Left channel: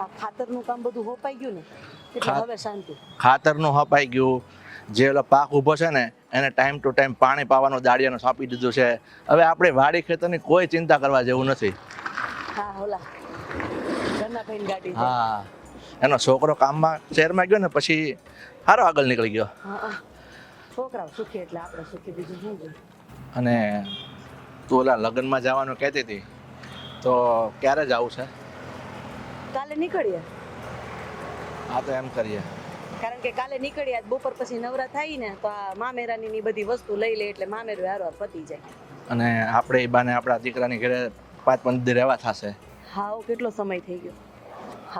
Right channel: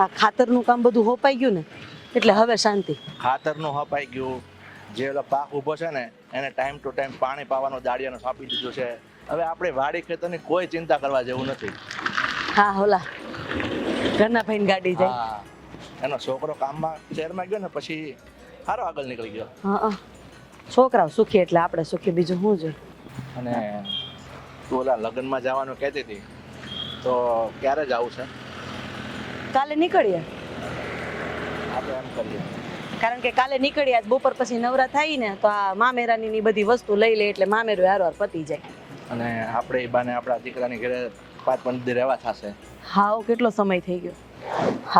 આ ખાતરનું કામ બધું હોપાઈ ગયું ને એટલે હવે શાંતિ. ખાતરનું હપાઈ ગયું, જે ઓલો પાક ઊભો છે ને એને ટાઈમ ટુ ટાઈમ પાણી પાવાનું દાડિયાનું સોંપી દીધું છે. હવે આપણે વાડી ખેતરની કોઈ ચિંતા કરવા જેવું નથી. હા ઓલા ઘરના ભાઈને ગાડી જાય. હા, એનો છોકરો કામમાં શહેરમાં ગયો ને પછી સારો આગળ નીકળી ગયો. હા છોકરાઓ સુખી એટલે આપણે સુખી, બીજું શું જોઈએ. અને તું ઓલા લગ્નમાં જવાનું કહેતી હતી, તો ક્યારે જવું છે? કાલે નીકળીએ. આપણે એમ કરીએ, કારણ કે કાલે નીકળીએ આજ બપોર પછી નવરા થાય ને તો આ મામેરાની ની બધી વસ્તુ લઈ લે એટલે મામેરું હારવાર પતી જાય. અને આપણે એ બાને આપણા દીકરાની ઘરે 5-5 દી રહેવા થશે. હાવ કેટલો સમય થઈ ગયો,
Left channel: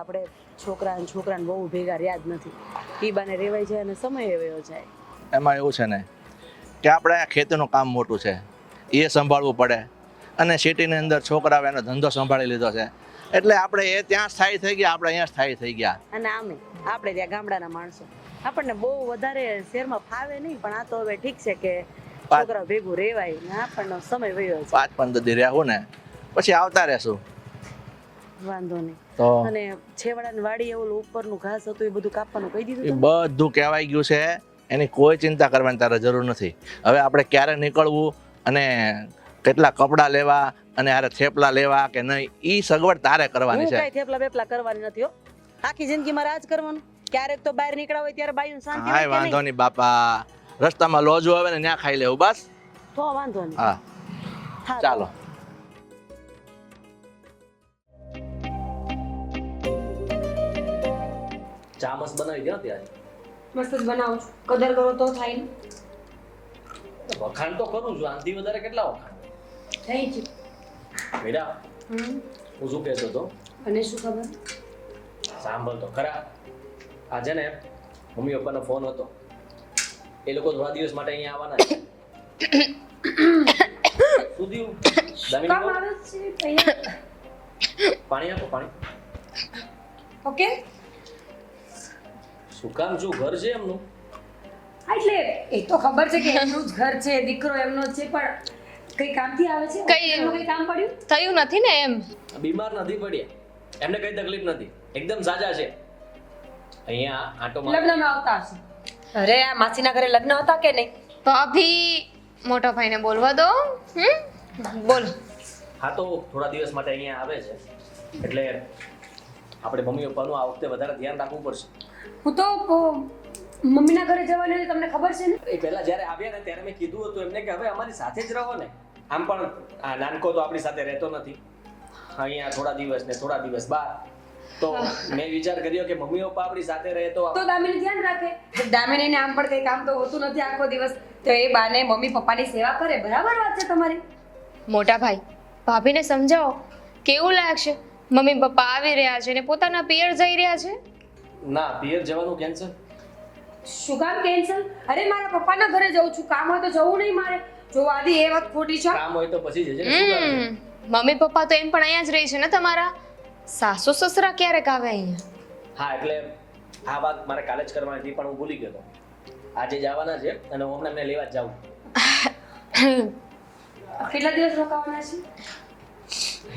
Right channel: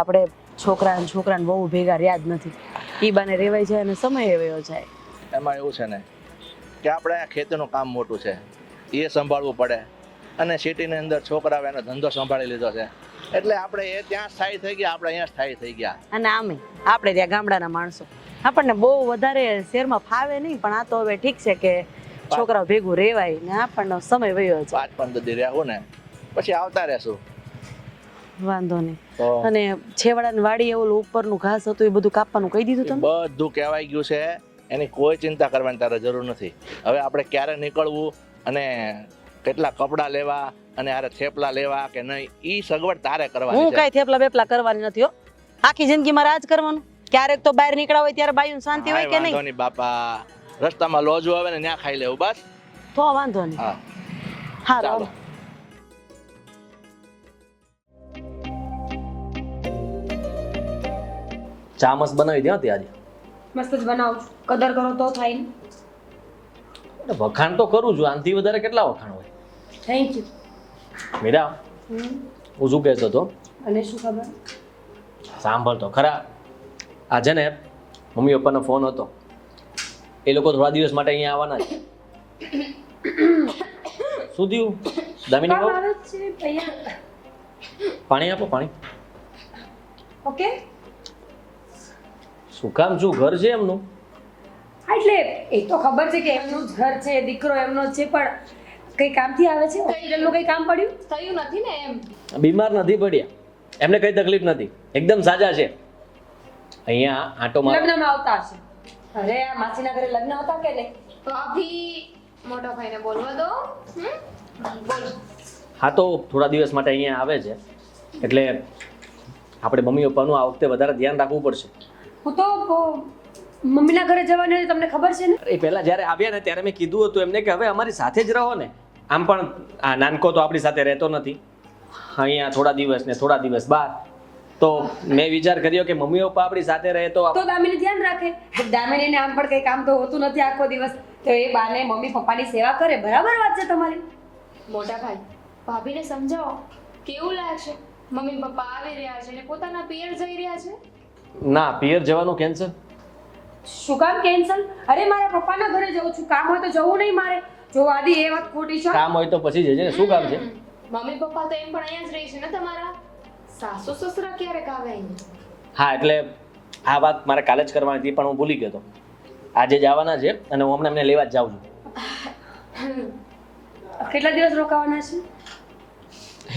આપણે છોકરાને બહુ ભેગા રહ્યા જ નથી. ઈ બાને રેવાય જાય અને સમય વયો જાય. એમાં એવું છે ને કે આપણે આ ખેતીનું કામ મોટું છે, એ સંભાળવું પડે. અને સિટીની અંદર છોકરાઓ એનો ધંધો સંભાળી લીધો છે, એટલે આપણે એ ત્યાં સ્થાયી થઈ ગયા, આપણે અહીંયા સ્થાયી થઈ ગયા. અને આમે આપણે ત્યાં ગામડાના માણસો, આપણને બહુ વધારે શહેરમાં ફાવે નહીં, પણ આ તો હવે ઠીક છે કે છોકરાઓ ભેગું રેવાય ને આપણને સમય વયો જાય. 5-15 દી રહેવું ને પછી આવતા રહેશું. વાંધો નહીં. તો અને છેવાડાની વાડી એવું ઉપરનું ઘાસ હતું એ બધું કાપવાનું કહી દીધું તમે? બધું કહેવાય ગયું છે, એની કોઈ ચિંતા કરવાની તારે જરૂર નથી. હવે આપણે ક્યારે નીકળવું અને કેટલા કપડાં લેવા અને આરે થેપલા લેવા કે નહીં, ઈ સગવડ તારે કરવાની હું છે. કઈ થેપલા બેપલા કરવાની નથી હો. આખી જિંદગી મારે આજ કરવાનું. ક્યારેક તો બહાર નીકળ્યા હોય ત્યારે બાયું શાંતિ હોય કાંઈ કે વાંધો નહીં? નહીં બાપા, રસ્તામાં લોજો આવે ને ત્યાં ખાઈ લેવું બસ. તો વાંધો નહીં. હા હા ચાલો. ચા મસ્ત બનાવી દે આજે. મસ્ત જ બનાવું છું. કદર કરો તો થાય ને. વખાણ તો કરું છું, આનાથી વધારે કેટલા વખાણ હોય? Thank you. મીરા, હું શું કહેતો હતો, અને શું ખબર? સાંભળ તો ખરા. આજે ને મમ્મી પપ્પાનો ફોન હતો, એ લોકો થોડા દિવસ માટે અહીંયા આવવાના છે. શું થયું દામિની કામ બહુ? આવે છે ભૈયા. પાણી આપો, પાણી. ઓકે. શું કામ, શું ઘર છે એમનું? હા એટલે એ તો ખબર છે કે એમનું જ ઘર છે, દીકરો એમનો જ છે, પણ કઈ કામથી આવે છે? એમનું કઈ કામ પડ્યું? થયું નથી ને એમ. બીમાર નથી પડ્યા, એમને કઈ તકલીફ નથી, એકદમ સાજા છે. અહીંયા આંટો માર. લગ્નમાં આવતા હશે. અરે આ માસીના ઘરે લગ્ન હતા કે નહીં? ભાભી મોટા ભાઈને બોલવા દો. બોલ. હા તો થોડા દિવસ માટે અહીંયા આવે છે, એટલે આપણે મમ્મી પપ્પાનું આ વખતે વધારે ધ્યાન રાખવું પડશે. હું તો મમ્મીના ઘરે જવાની હતી, તમને ખબર છે ને? એ પહેલા જ્યારે આવ્યા ને ત્યારે મેં કીધું હતું એમને કે હવે અમારી સાથે જ રહો ને. આમ પણ આ નાનકો તો આપણી સાથે રહેતો નથી, અહીંયા થોડા દિવસ ને થોડા દિવસ બાદ. તો મેં વિચાર કર્યો કે મમ્મી પપ્પા આપણી સાથે રહે તો તો દામિની ધ્યાન રાખે. દામિનીને આમ પણ કઈ કામ તો હોતું નથી આખો દિવસ, તો એ બાને મમ્મી પપ્પાની સેવા કરે. બરાબર વાત છે તમારી. મોટા ભાઈ ભાભીને સમજાવો, કેવું લાગશે મમ્મી પપ્પા આવી રહ્યા છે ને પોતાના પિયર જઈ રહ્યા છે. ના, પિયર જવાનું કેન્સલ. શું કામ કેન્સલ? અરે મારા પપ્પાના ઘરે જઉં છું, કામ હોય તો જવું નહીં મારે. જો આદિ એ વાત ખોટી છે. કામ હોય તો પછી જજે ને, શું કામ છે? મમ્મી પપ્પા તો એમ પણ અહીંયા જ રહી છે ને તમારા. સાસુ સસરા ક્યારેક આવે અહીંયા? હા એટલે આ વાત મારે કાલે જ કરવાની હતી પણ હું ભૂલી ગયો હતો. આજે જ આવવાના છે અને હું હમણાં એમને લેવા જ જાઉં છું. કેટલા દિવસ રોકાવાના છે?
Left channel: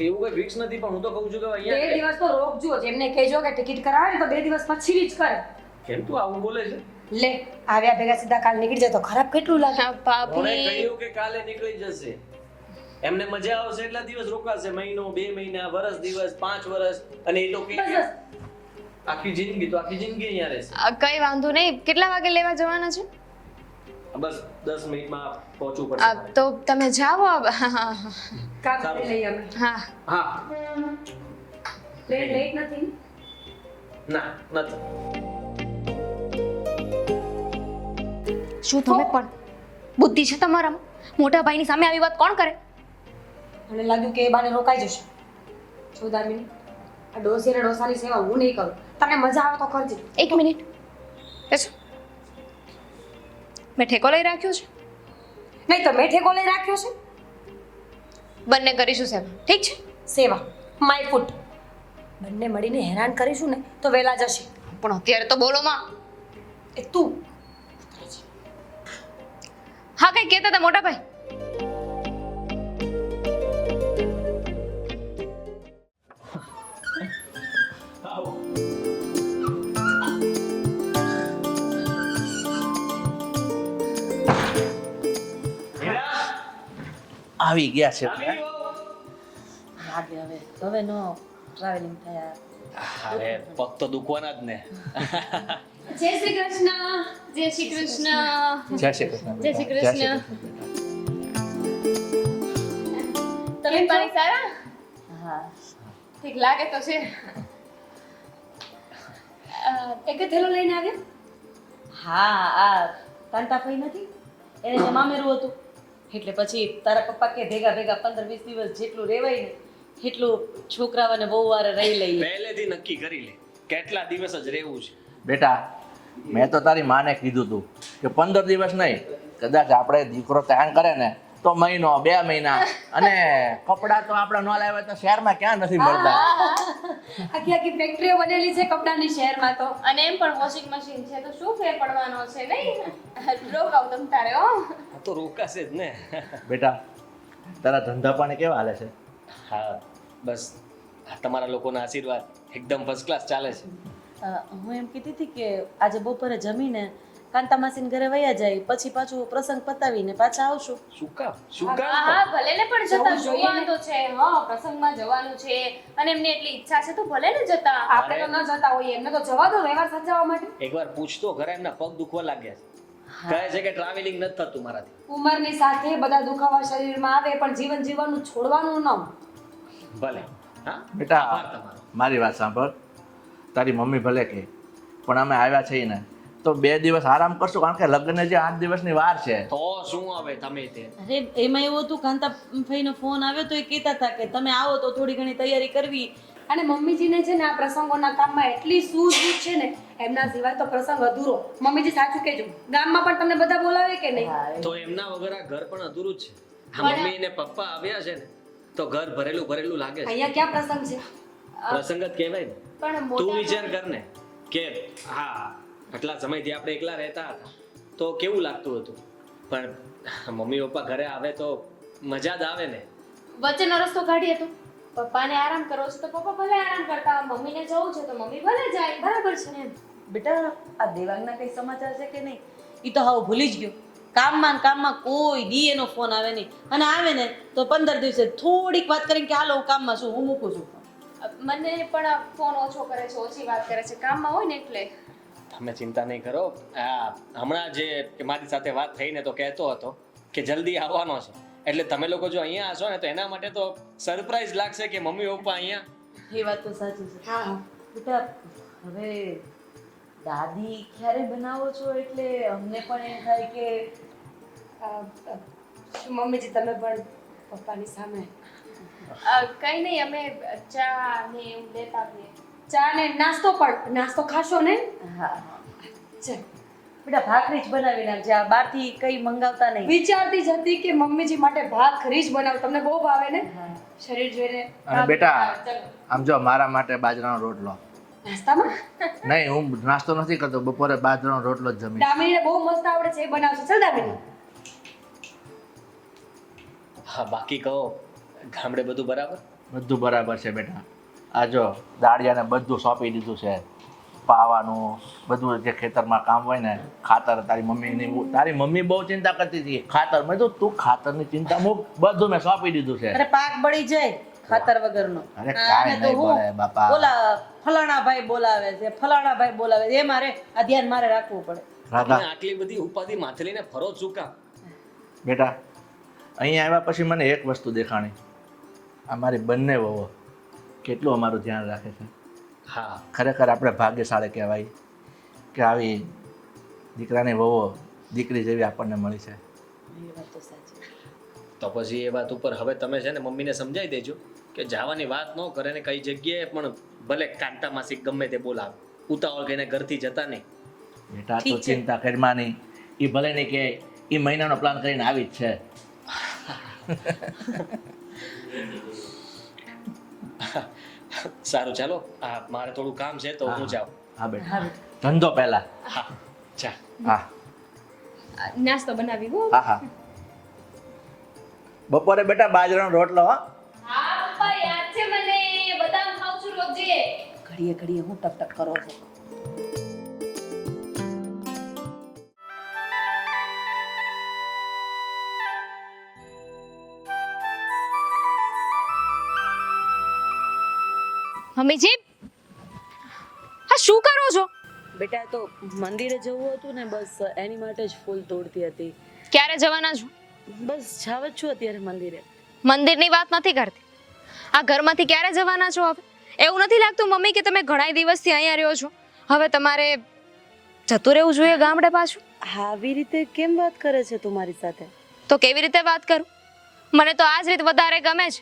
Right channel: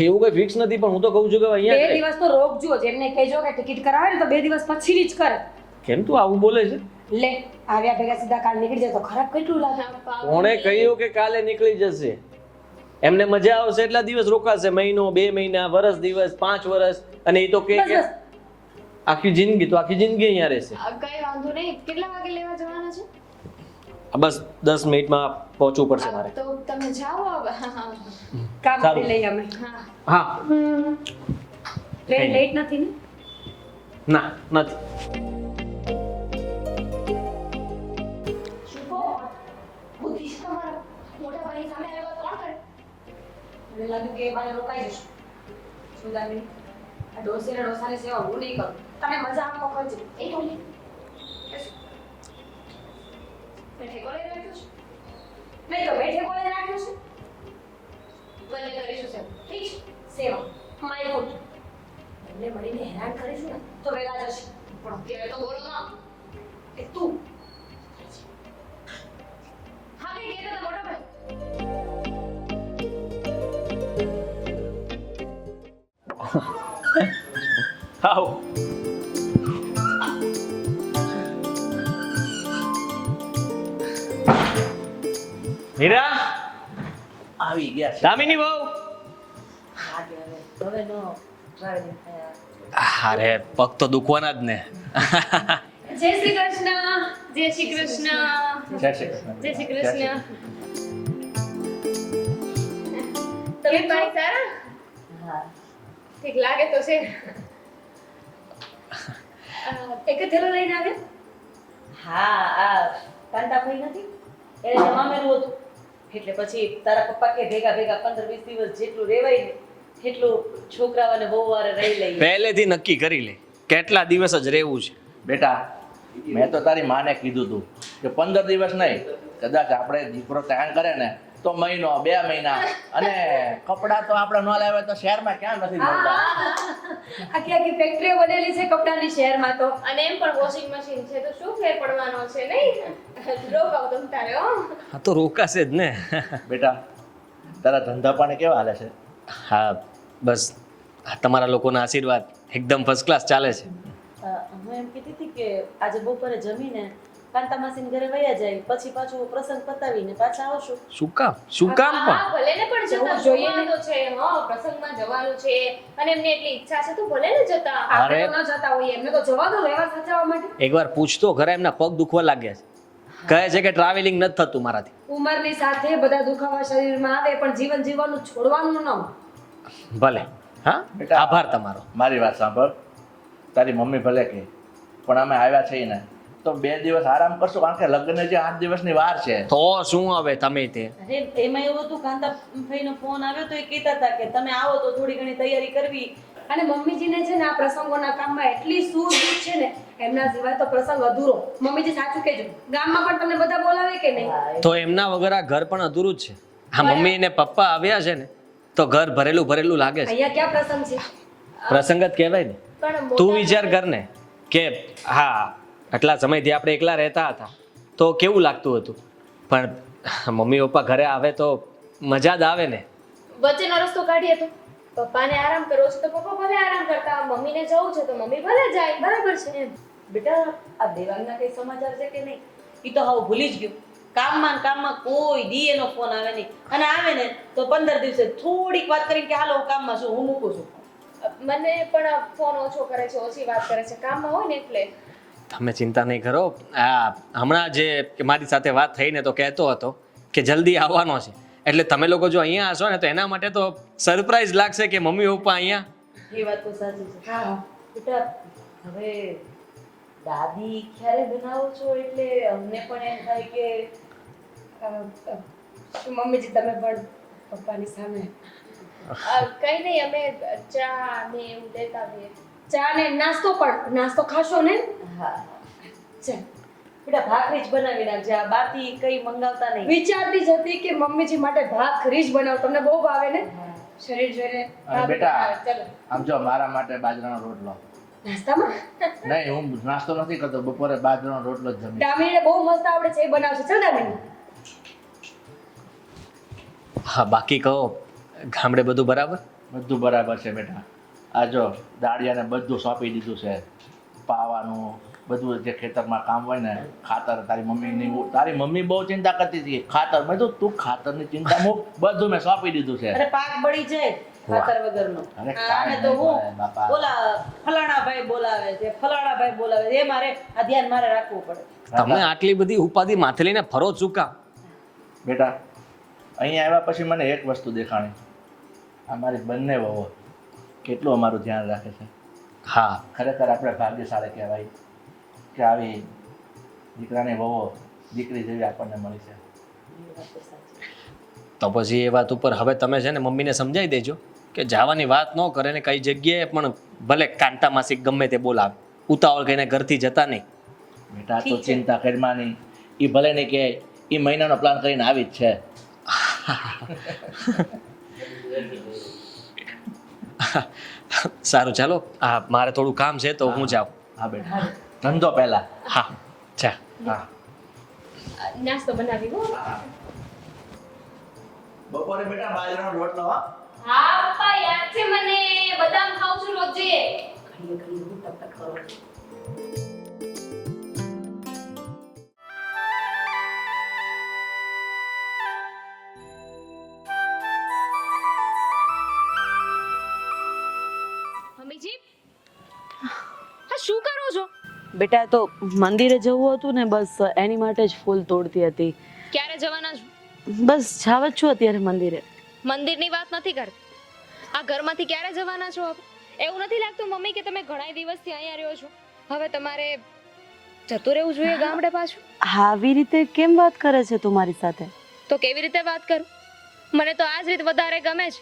એવું કઈ ફિક્સ નથી પણ હું તો કહું છું કે 2 અહીંયા દિવસ તો રોકજો. જેમને કહેજો કે ટિકિટ કરાવે ને તો 2 દિવસ પછીની જ કરે. કેમ તું આવું બોલે છે? લે આવ્યા ભેગા સીધા કાલ નીકળી જાય તો ખરાબ કેટલું લાગે. હા, કોણે ભાભી કહ્યું કે કાલે નીકળી જશે? એમને મજા આવશે એટલા દિવસ રોકાશે, મહિનો 2 મહિના, વર્ષ દિવસ, 5 વર્ષ, અને એ તો કે બસ, બસ. આખી જિંદગી તો આખી જિંદગી અહીંયા રહેશે. કઈ વાંધો નહીં. કેટલા વાગે લેવા જવાના છે? બસ 10 મિનિટમાં પહોંચવું પડશે મારે. તો તમે જાઓ હવે. કામ કરી લઈએ અમે. હા હા. ટ્રેન લેટ નથી ને? ના નથી. શું તમે પણ બુદ્ધિ છે તમારા? મોટા ભાઈની સામે આવી વાત કોણ કરે? મને લાગ્યું કે એ બાને રોકાઈ જશે. જો દામિની, આ ડોસી ને ડોસાની સેવા હું નહીં કરું. તમને મજા આવે તો કરજો. એક મિનિટ બેસો. મેં ઠેકો લઈ રાખ્યો છે. નહીં તો મેં ઠેકો લઈ રાખ્યો છે. બંને કરીશું સેવા, ઠીક છે? સેવા માય ફૂટ. બંને મળીને હેરાન કરીશું ને તો વેલા જશે. પણ અત્યારે તો બોલો માં. એ તું હા કઈ કહેતા હતા મોટા ભાઈ? આવો. હીરા, આવી ગયા છે દામિની બહુ. હવે નો ટ્રાવેલિંગ થયા. અરે પગ તો દુખવાના જ ને. જય શ્રી કૃષ્ણ. જય શ્રી કૃષ્ણ. જય શ્રી કૃષ્ણ જય શ્રી બેટા. જય કૃષ્ણ. શ્રી તમે ભાઈ સારા? હા ઠીક લાગે તો છે. એક થેલો લઈને આવે હા આ કાંતાભાઈ નથી એને જે મામેરું હતું એટલે પછી તારા પપ્પા કે ભેગા ભેગા 15-20 દિવસ જેટલું રેવાય ને એટલું છોકરાઓને બહુ વાર રહી લઈએ. પહેલેથી નક્કી કરી લે કેટલા દિવસ જ રહેવું છે. બેટા મેં તો તારી માને કીધું તું કે 15 દિવસ નહીં કદાચ આપણે દીકરો તૈયાર કરે ને તો મહિનો 2 મહિના અને કપડાં તો આપણે ન લાવ્યા તો શહેરમાં ક્યાં નથી મળતા. આખી આખી ફેક્ટરીઓ બનેલી છે કપડાની શહેરમાં તો. અને એમ પણ વોશિંગ મશીન છે તો શું ફેર પડવાનો છે નહીં? રોકાવ તમ તારે હો. આ તો રોકાશે જ ને. બેટા તારા ધંધા પાણી કેવા હાલે છે? હા બસ આ તમારા લોકોના આશીર્વાદ એકદમ ફર્સ્ટ ક્લાસ ચાલે છે. હું એમ કીધી હતી કે આજે બપોરે જમીને કાંતા માસીને ઘરે વયા જાય પછી પાછું પ્રસંગ પતાવીને પાછા આવશું. શું કામ પણ? હા ભલે ને પણ જતા જવું જોઈએ ને. જોવાનું તો છે. હા પ્રસંગમાં જવાનું છે અને એમની એટલી ઈચ્છા છે તો ભલે ને જતા. આપણે અરે. તો ન જતા હોઈએ એમને તો જવા દો વ્યવહાર સાચવવા માટે. એકવાર પૂછતો ઘરે એમના પગ દુખવા લાગ્યા છે. કહે છે કે ટ્રાવેલિંગ નથી થતું મારાથી. ઉંમરની સાથે બધા દુખાવા શરીરમાં આવે પણ જીવન જીવવાનું છોડવાનું ન. ભલે હા બેટા. આભાર તમારો. મારી વાત સાંભળ તારી મમ્મી ભલે કે પણ અમે આવ્યા છીએ ને તો 2 દિવસ આરામ કરશું કારણ કે લગ્ન જે 8 દિવસની વાર છે. તો શું હવે તમે તે અરે એમાં એવું હતું કાંતાભાઈનો ફોન આવ્યો તો એ કહેતા હતા કે તમે આવો તો થોડી ઘણી તૈયારી કરવી. અને મમ્મીજીને છે ને આ પ્રસંગોના કામમાં એટલી સૂઝબૂઝ છે ને એમના સિવાય તો પ્રસંગ અધૂરો. મમ્મીજી સાચું કહેજો ગામમાં પણ તમને બધા બોલાવે કે નહીં? તો એમના વગર આ ઘર પણ અધૂરું જ છે. આ મમ્મી ને પપ્પા આવ્યા છે ને તો ઘર ભરેલું ભરેલું લાગે છે. અહીંયા ક્યાં પ્રસંગ છે? પ્રસંગ જ કહેવાય ને. પણ તું મોટા વિચાર કર ને કે હા આટલા સમયથી આપણે એકલા રહેતા હતા તો કેવું લાગતું હતું પણ મમ્મી પપ્પા ઘરે આવે તો મજા જ આવે ને. વચ્ચેનો રસ્તો કાઢીએ તો પપ્પાને આરામ કરવો છે તો પપ્પા ભલે આરામ કરતા હોય. મમ્મીને જવું છે તો મમ્મી ભલે જાય. બરાબર છે ને? બેટા આ દેવાંગના કઈ સમાચાર છે કે નહીં? એ તો હવે ભૂલી જ ગયો. કામમાં ને કામમાં કોઈ દી એનો ફોન આવે નહીં અને આવે ને તો 15 દિવસે થોડીક વાત કરીને કે હાલો હું કામમાં છું હું મૂકું છું. મને પણ ફોન ઓછો કરે છે, ઓછી વાત કરે છે. કામમાં હોય ને એટલે. તમે ચિંતા નહીં કરો. આ હમણાં જે કે મારી સાથે વાત થઈને તો કહેતો હતો કે જલ્દી આવવાનો છે એટલે તમે લોકો જો અહીંયા હશો ને તો એના માટે તો સરપ્રાઈઝ લાગશે કે મમ્મી પપ્પા અહીંયા. એ વાત તો સાચી છે. હા બેટા હવે દાદી ક્યારે બનાવો છો એટલે અમને પણ એમ થાય કે મમ્મીજી તમે પણ પપ્પાની સામે કઈ નહીં અમે ચા ને એવું લેતા આવીએ. ચા ને નાસ્તો પણ નાસ્તો ખાશો ને? હા ચાલ. બેટા ભાખરી જ બનાવી નાખજે આ બહારથી કઈ મંગાવતા નહીં. વિચારતી જ હતી કે મમ્મીજી માટે ભાખરી જ બનાવ તમને બહુ ભાવે ને શરીર જોઈને. અને બેટા ચાલો આમ જો મારા માટે બાજરાનો રોટલો નાસ્તામાં નહીં હું નાસ્તો નથી કરતો બપોરે બાજરાનો રોટલો જ જમી. દામિનીને બહુ મસ્ત આવડે છે એ બનાવશે. ચાલ દામિની. હા બાકી કહો ગામડે બધું બરાબર? બધું બરાબર છે બેટા. આ જો દાળિયાને બધું સોંપી દીધું છે પાવાનું બધું જે ખેતરમાં કામ હોય ને ખાતર તારી મમ્મી બહુ ચિંતા કરતી હતી ખાતર મેં કીધું તું ખાતરની ચિંતા મૂક બધું મેં સોંપી દીધું છે. અરે પાક બળી જાય ખાતર વગરનો. અરે કાંઈ આને તો નહીં હું પડે બાપા. બોલા ફલાણા ભાઈ બોલાવે છે ફલાણા ભાઈ બોલાવે છે એ મારે આ ધ્યાન મારે રાખવું પડે. તમે આટલી બધી ઉપાધિ માથે લઈને ફરો જ શું કામ? બેટા અહીંયા આવ્યા પછી મને એક વસ્તુ દેખાણી અમારી બંને વહુઓ કેટલું અમારું ધ્યાન રાખે છે. હા ખરેખર આપણે ભાગ્યશાળી કહેવાય કે આવી દીકરાની વહુઓ દીકરી જેવી આપણને મળી છે. એ વાત તો સાચી. તો પછી એ વાત ઉપર હવે તમે છે ને મમ્મીને સમજાવી દેજો કે જવાની વાત ન કરે ને કઈ જગ્યાએ પણ ભલે કાંતા માસી ગમે તે બોલાવે ઉતાવળ કહીને ઘરથી જતા નહીં. બેટા તો ઠીક છે. ચિંતા કરવાની એ ભલે નહીં કે એ મહિનાનો પ્લાન કરીને આવી જ છે. સારું ચાલો મારે થોડું કામ છે તો હું જાઉં. હા બેટા ધંધો પહેલા. હા ચા. હા નાસ્તો બનાવી હો. હા હા બપોરે બેટા બાજરાનો રોટલો હા હા પપ્પા યાદ છે મને. બદામ ખાઉં છું રોજે. ઘડીએ ઘડીએ હું ટક ટક કરો છો? મમ્મીજી આ શું કરો છો? બેટા તો મંદિરે જવું હતું ને, બસ એની માટે જ ફૂલ તોડતી હતી. ક્યારે જવાના છો? બસ જાવ જ છું અત્યારે મંદિરે. મંદિરની વાત નથી કરતી, આ ઘરમાંથી ક્યારે જવાના છો? હવે એવું નથી લાગતું મમ્મી કે તમે ઘણા દિવસથી અહીંયા રહ્યો છો, હવે તમારે જતું રહેવું જોઈએ ગામડે પાછું? આવી રીતે કેમ વાત કરે છે તું મારી સાથે? તો કેવી રીતે વાત કરું? મને તો આ જ રીત વધારે ગમે છે.